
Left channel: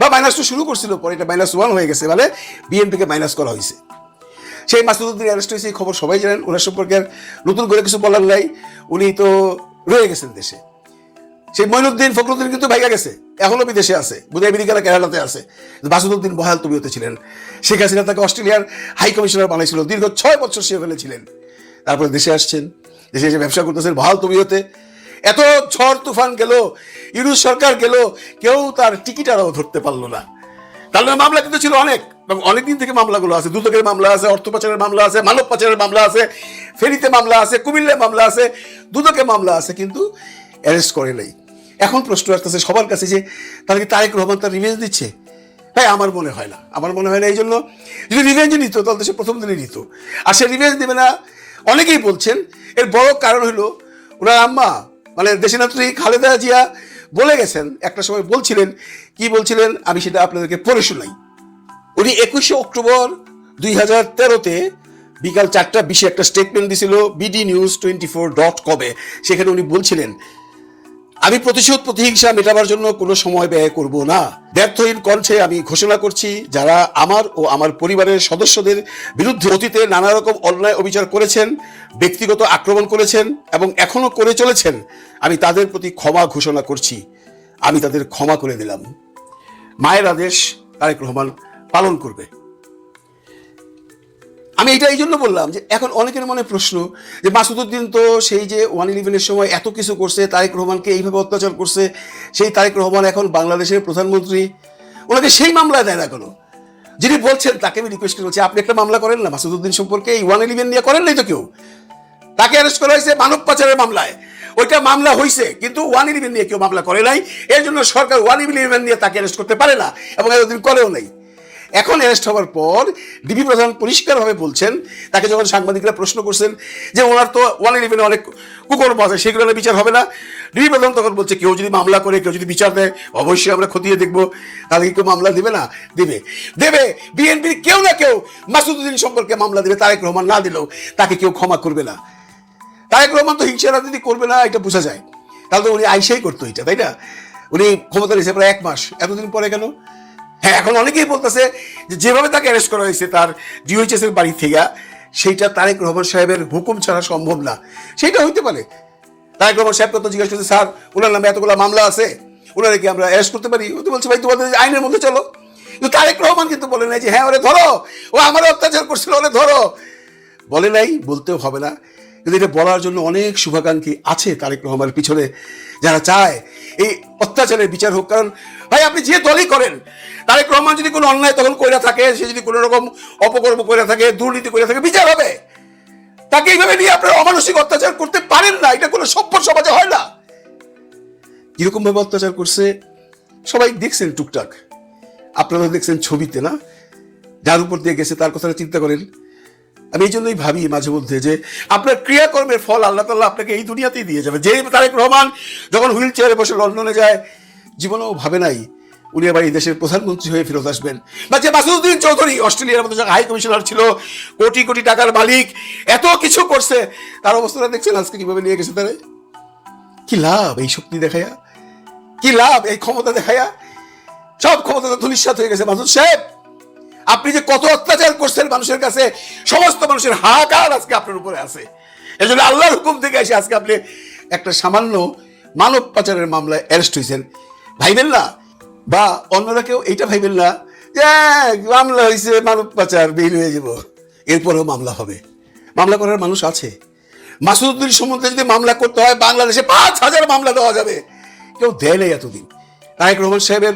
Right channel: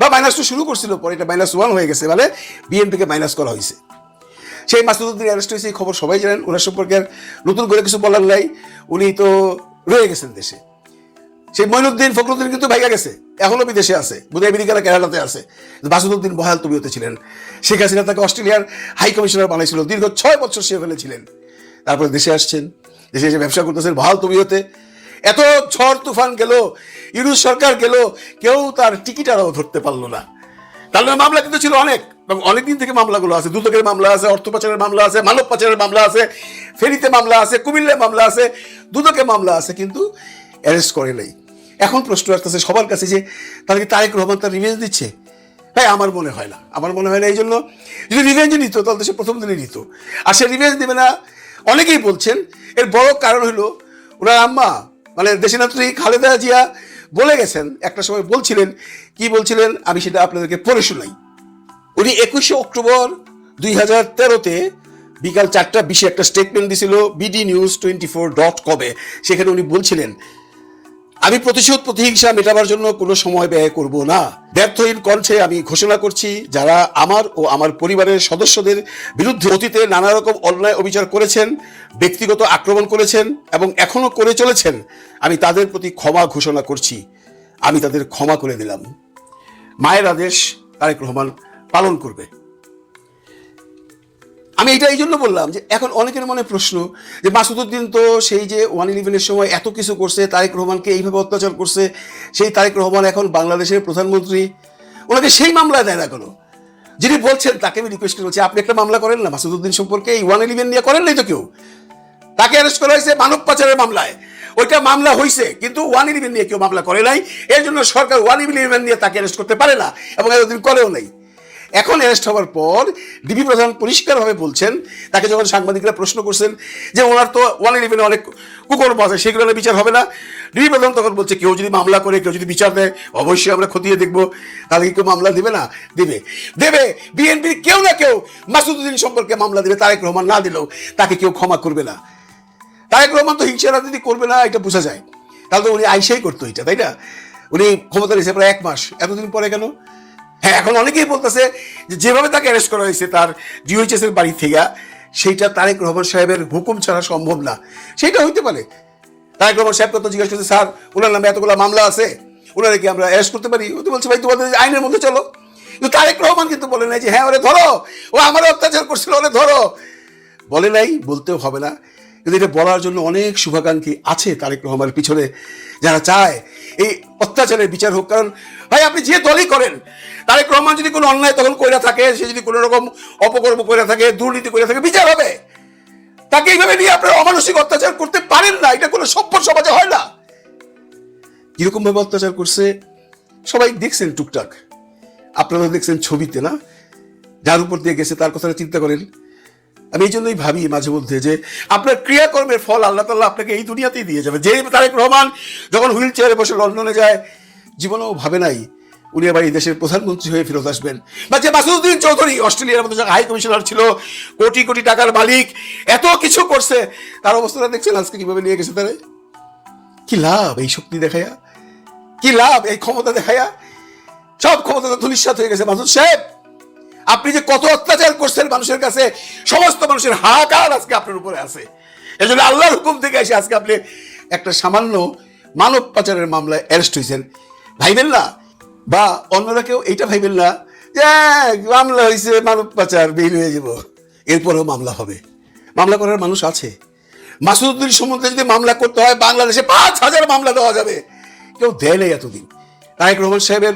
বা -2 শুরু করছিল, পরে এটা -1 হয়ে গেছে, মানে বিএনপিকে মাইনাস করা হয়েছে। সেই মাসুদউদ্দিন অ্যারেস্ট হয়েছে, এই খবর সবাই জানেন। ওনার সম্পর্কে আর নতুন করে কিছু বলার নাই, উনি তো রয়ে গেছেন দেশে। সেই মঈনুদ্দিন ফখরুদ্দিন কিন্তু ভাইগা গেছে, এখনো বিদেশে আছে, আমেরিকা না কানাডাতে আছে। মাসুদউদ্দিন বহাল তবিয়তে ছিলেন, শেখ হাসিনা তাকে অস্ট্রেলিয়ার হাই কমিশনার বানিয়েছিল, দীর্ঘ 6 বছর সে ফেলেছিলেন। তারপর দেশে আসছেন, দেশে এসে ব্যবসা করতেছেন বহাল তবিয়তে। এত ঝড় তুফান গেল, ইউনূস সরকার গেল, কেউ তার টিকিটারও ধরতে পারলো না। তাহলে মামলা কিন্তু ছিল অনেক, এবং অনেকদিন থেকে মামলাগুলো আছে, দুদকের মামলা আছে, অর্থ পাচারের মামলা আছে, মানব পাচারের মামলা আছে, ফেরিতে মামলা আছে, কুমিল্লায় মামলা আছে, দুদকে মামলা আছে, কিন্তু অ্যারেস্ট করে নাই। এখন প্রশ্ন আসতেছে সবার কাছে যে তাহলে কি তারেক রহমান তার রিভেঞ্জ দিচ্ছে? হ্যাঁ, আমার মনে হয় না, আমার মনে হয় না। এই জন্য যদি রিভেঞ্জ নিত তাহলে সে প্রথম দিনে নিত, আর সে রিভেঞ্জ দেবে না অনেকেই বলছেন। এর বড় কারণ হলো ওনার আম্মা, মানে দেশনেত্রী খালেদা জিয়া বলে গেছেন, একটা সময় বলছিলেন, কি বলছিলেন আমি সেটা আপনাদেরকে পড়ে শোনাই। উনি 21শে অক্টোবর 2013-তে বিকাল 4:20 একটা স্টেটমেন্ট দিছিল bdnews24.com-এ। সেখানে উনি বলছিলেন, আমি প্রতিহিংসা মেটাবার জন্য কোনো সময় ব্যয় করব না। ব্যর্থহীন কণ্ঠে আমি ঘোষণা করছি, যারা আমার ও আমার পরিবারের সদস্যদের বিরুদ্ধে অতীতে নানা রকম অন্যায় অবিচার করেছেন, ব্যক্তিগত আক্রমণ করেছেন এবং এখনো করে চলেছেন, আমি তাদের প্রতি ক্ষমা ঘোষণা করছি। আমি তাদের ক্ষমা করে দিলাম। মায়ের আদেশ তারেক রহমান পালন করবে। আমি এটা এই জন্য বললাম যে এখন অনেকের মনে প্রশ্ন যে মাসুদউদ্দিন তো সেই যে 111-এর সময় এত কিছু করছে, তারেক রহমানকে এইভাবে অত্যাচার করছে, সেই তারেক রহমান এখন বাংলাদেশের প্রধানমন্ত্রী, ওনাকে সেই মামলায় দেয় না কেন? যিনি বলছেন তাকে আমি রিকোয়েস্ট করছি, আপনি একটা মামলা করেন না মাসুদউদ্দিন সম্পর্কে, এই 111 নিয়ে করেন নাই তো কেউ? তাকে অ্যারেস্ট করা হয়েছে মানব পাচারের মামলায়, ওইটা মামলা হয়েছে, কিন্তু 111 নিয়ে কেউ মামলা করে নাই। এর জন্য সরকার 111 নিয়ে তাকে অ্যারেস্ট করতে পারে না, এবং এতদিন করেও নাই। এখন অ্যারেস্ট হওয়ার পর ডিবি প্রধান পরিষ্কারভাবে বলছেন, তাকে যখন সাংবাদিকরা প্রশ্ন করছেন যে ওনার তো 111 অনেক কুকর্ম আছে, সেগুলো বিচার হবে না, ডিবি প্রধান তখন বলছে কেউ যদি মামলা করে, কেউ যদি বিচার দেয়, অবশ্যই আমরা খতিয়ে দেখবো। তাহলে কেউ মামলা দিবে না? দিবে। বিএনপি কেউ না কেউ মাসুদউদ্দিন সম্পর্কে মামলা দিবে, তারেক রহমান না দিলেও তাকে কেউ ক্ষমা করবে না। তারেক রহমান তো হিংসা রাজনীতি করবে না, এটা বোঝা যায়। তাহলে তো উনি আইসাই করতো এটা, তাই না? উনি ক্ষমতা রয়েছে প্রায় 1 মাস, এতদিন পরে কেন? হ্যাঁ, এখন অনেকেই বলতেছে যে যেভাবে তাকে অ্যারেস্ট করা হয়েছে তার জিওএইচএস এর বাড়ি থেকে, সেইটা তারেক রহমান সাহেবের হুকুম ছাড়া সম্ভব না। সেটা হইতে পারে। তারেক রহমান সাহেব তো জিজ্ঞাসা করছে, স্যার ওনার নামে এতগুলো মামলা আছে, ওনারা কি আমরা অ্যারেস্ট করতে পারি? ও তো বলছে, ভাই তোমাদের আইনের মধ্যে চলো। তারেক রহমান কিন্তু বলে নাই যে হ্যাঁ ওরে ধরো, ও আমার অত্যাচার করছিল, ওরে ধরো। বলে নাই, বলতেও হবে না। কিন্তু এটা বলার জন্য অনেক শুভাকাঙ্ক্ষী আছে তারেক রহমানের পিছনে, যারা চায় এই অত্যাচারের বিচার হোক। কারণ ভাই আপনি যে দলই করেন, তারেক রহমান যদি কোনো অন্যায় তখন করে থাকে, সে যদি কোনো রকম অপকর্ম করে থাকে, দুর্নীতি করে থাকে, বিচার হবে। তাকে এইভাবে নিয়ে আপনারা অমানসিক অত্যাচার করতে পারেন না, এটা কোনো সভ্য সমাজে হয় না। কিরকম ভাবে অত্যাচার করছে সবাই দেখছেন টুকটাক, আপনারা দেখছেন ছবিতে, না? যার উপর দিয়ে গেছে তার কথা চিন্তা করেন। আমি এই জন্যই ভাবি মাঝে মধ্যে যে আপনার ক্রিয়াকর্মের ফল আল্লাহ তাআলা আপনাকে এই দুনিয়াতেই দিয়ে যাবে। যে তারেক রহমান যখন হুইল চেয়ারে বসে লন্ডনে যায়, জীবনেও ভাবে নাই উনি আবার এই দেশের প্রধানমন্ত্রী হয়ে ফেরত আসবেন। বা যে মাসুদউদ্দিন চৌধুরী অস্ট্রেলিয়ার মধ্যে হাই কমিশনার ছিল, কোটি কোটি টাকার মালিক, এত কিছু করছে, তার অবস্থাটা দেখছেন আজকে কিভাবে নিয়ে গেছে তারা। কি লাভ এই শক্তি দেখায়া? কি লাভ এই ক্ষমতা দেখায়া? সব ক্ষমতা ধূলিসাৎ হয়ে গেছে। মাসুদ সাহেব, আপনি যে কত অত্যাচার করছেন মানুষের কাছে, সমস্ত মানুষের হাহাকার আজকে আপনার উপরে আছে। এখন আল্লাহর হুকুম থেকে এসে আজকে আপনি একটা সামান্য মানব পাচারের মামলায় অ্যারেস্ট হয়েছেন। ভাইবেন না, বা অন্যরা কেউ এইটা ভাইবেন না যে মামলা হয়েছে মানব পাচার, বের হয়ে যাব, এরপরেও মামলা হবে। মামলা করার মানুষ আছে। মাসুদউদ্দিন সম্বন্ধে যদি মামলা করতে হয়, বাংলাদেশে 5000 মামলা দেওয়া যাবে, কেউ দেয় নাই এতদিন। তারেক রহমান সাহেবের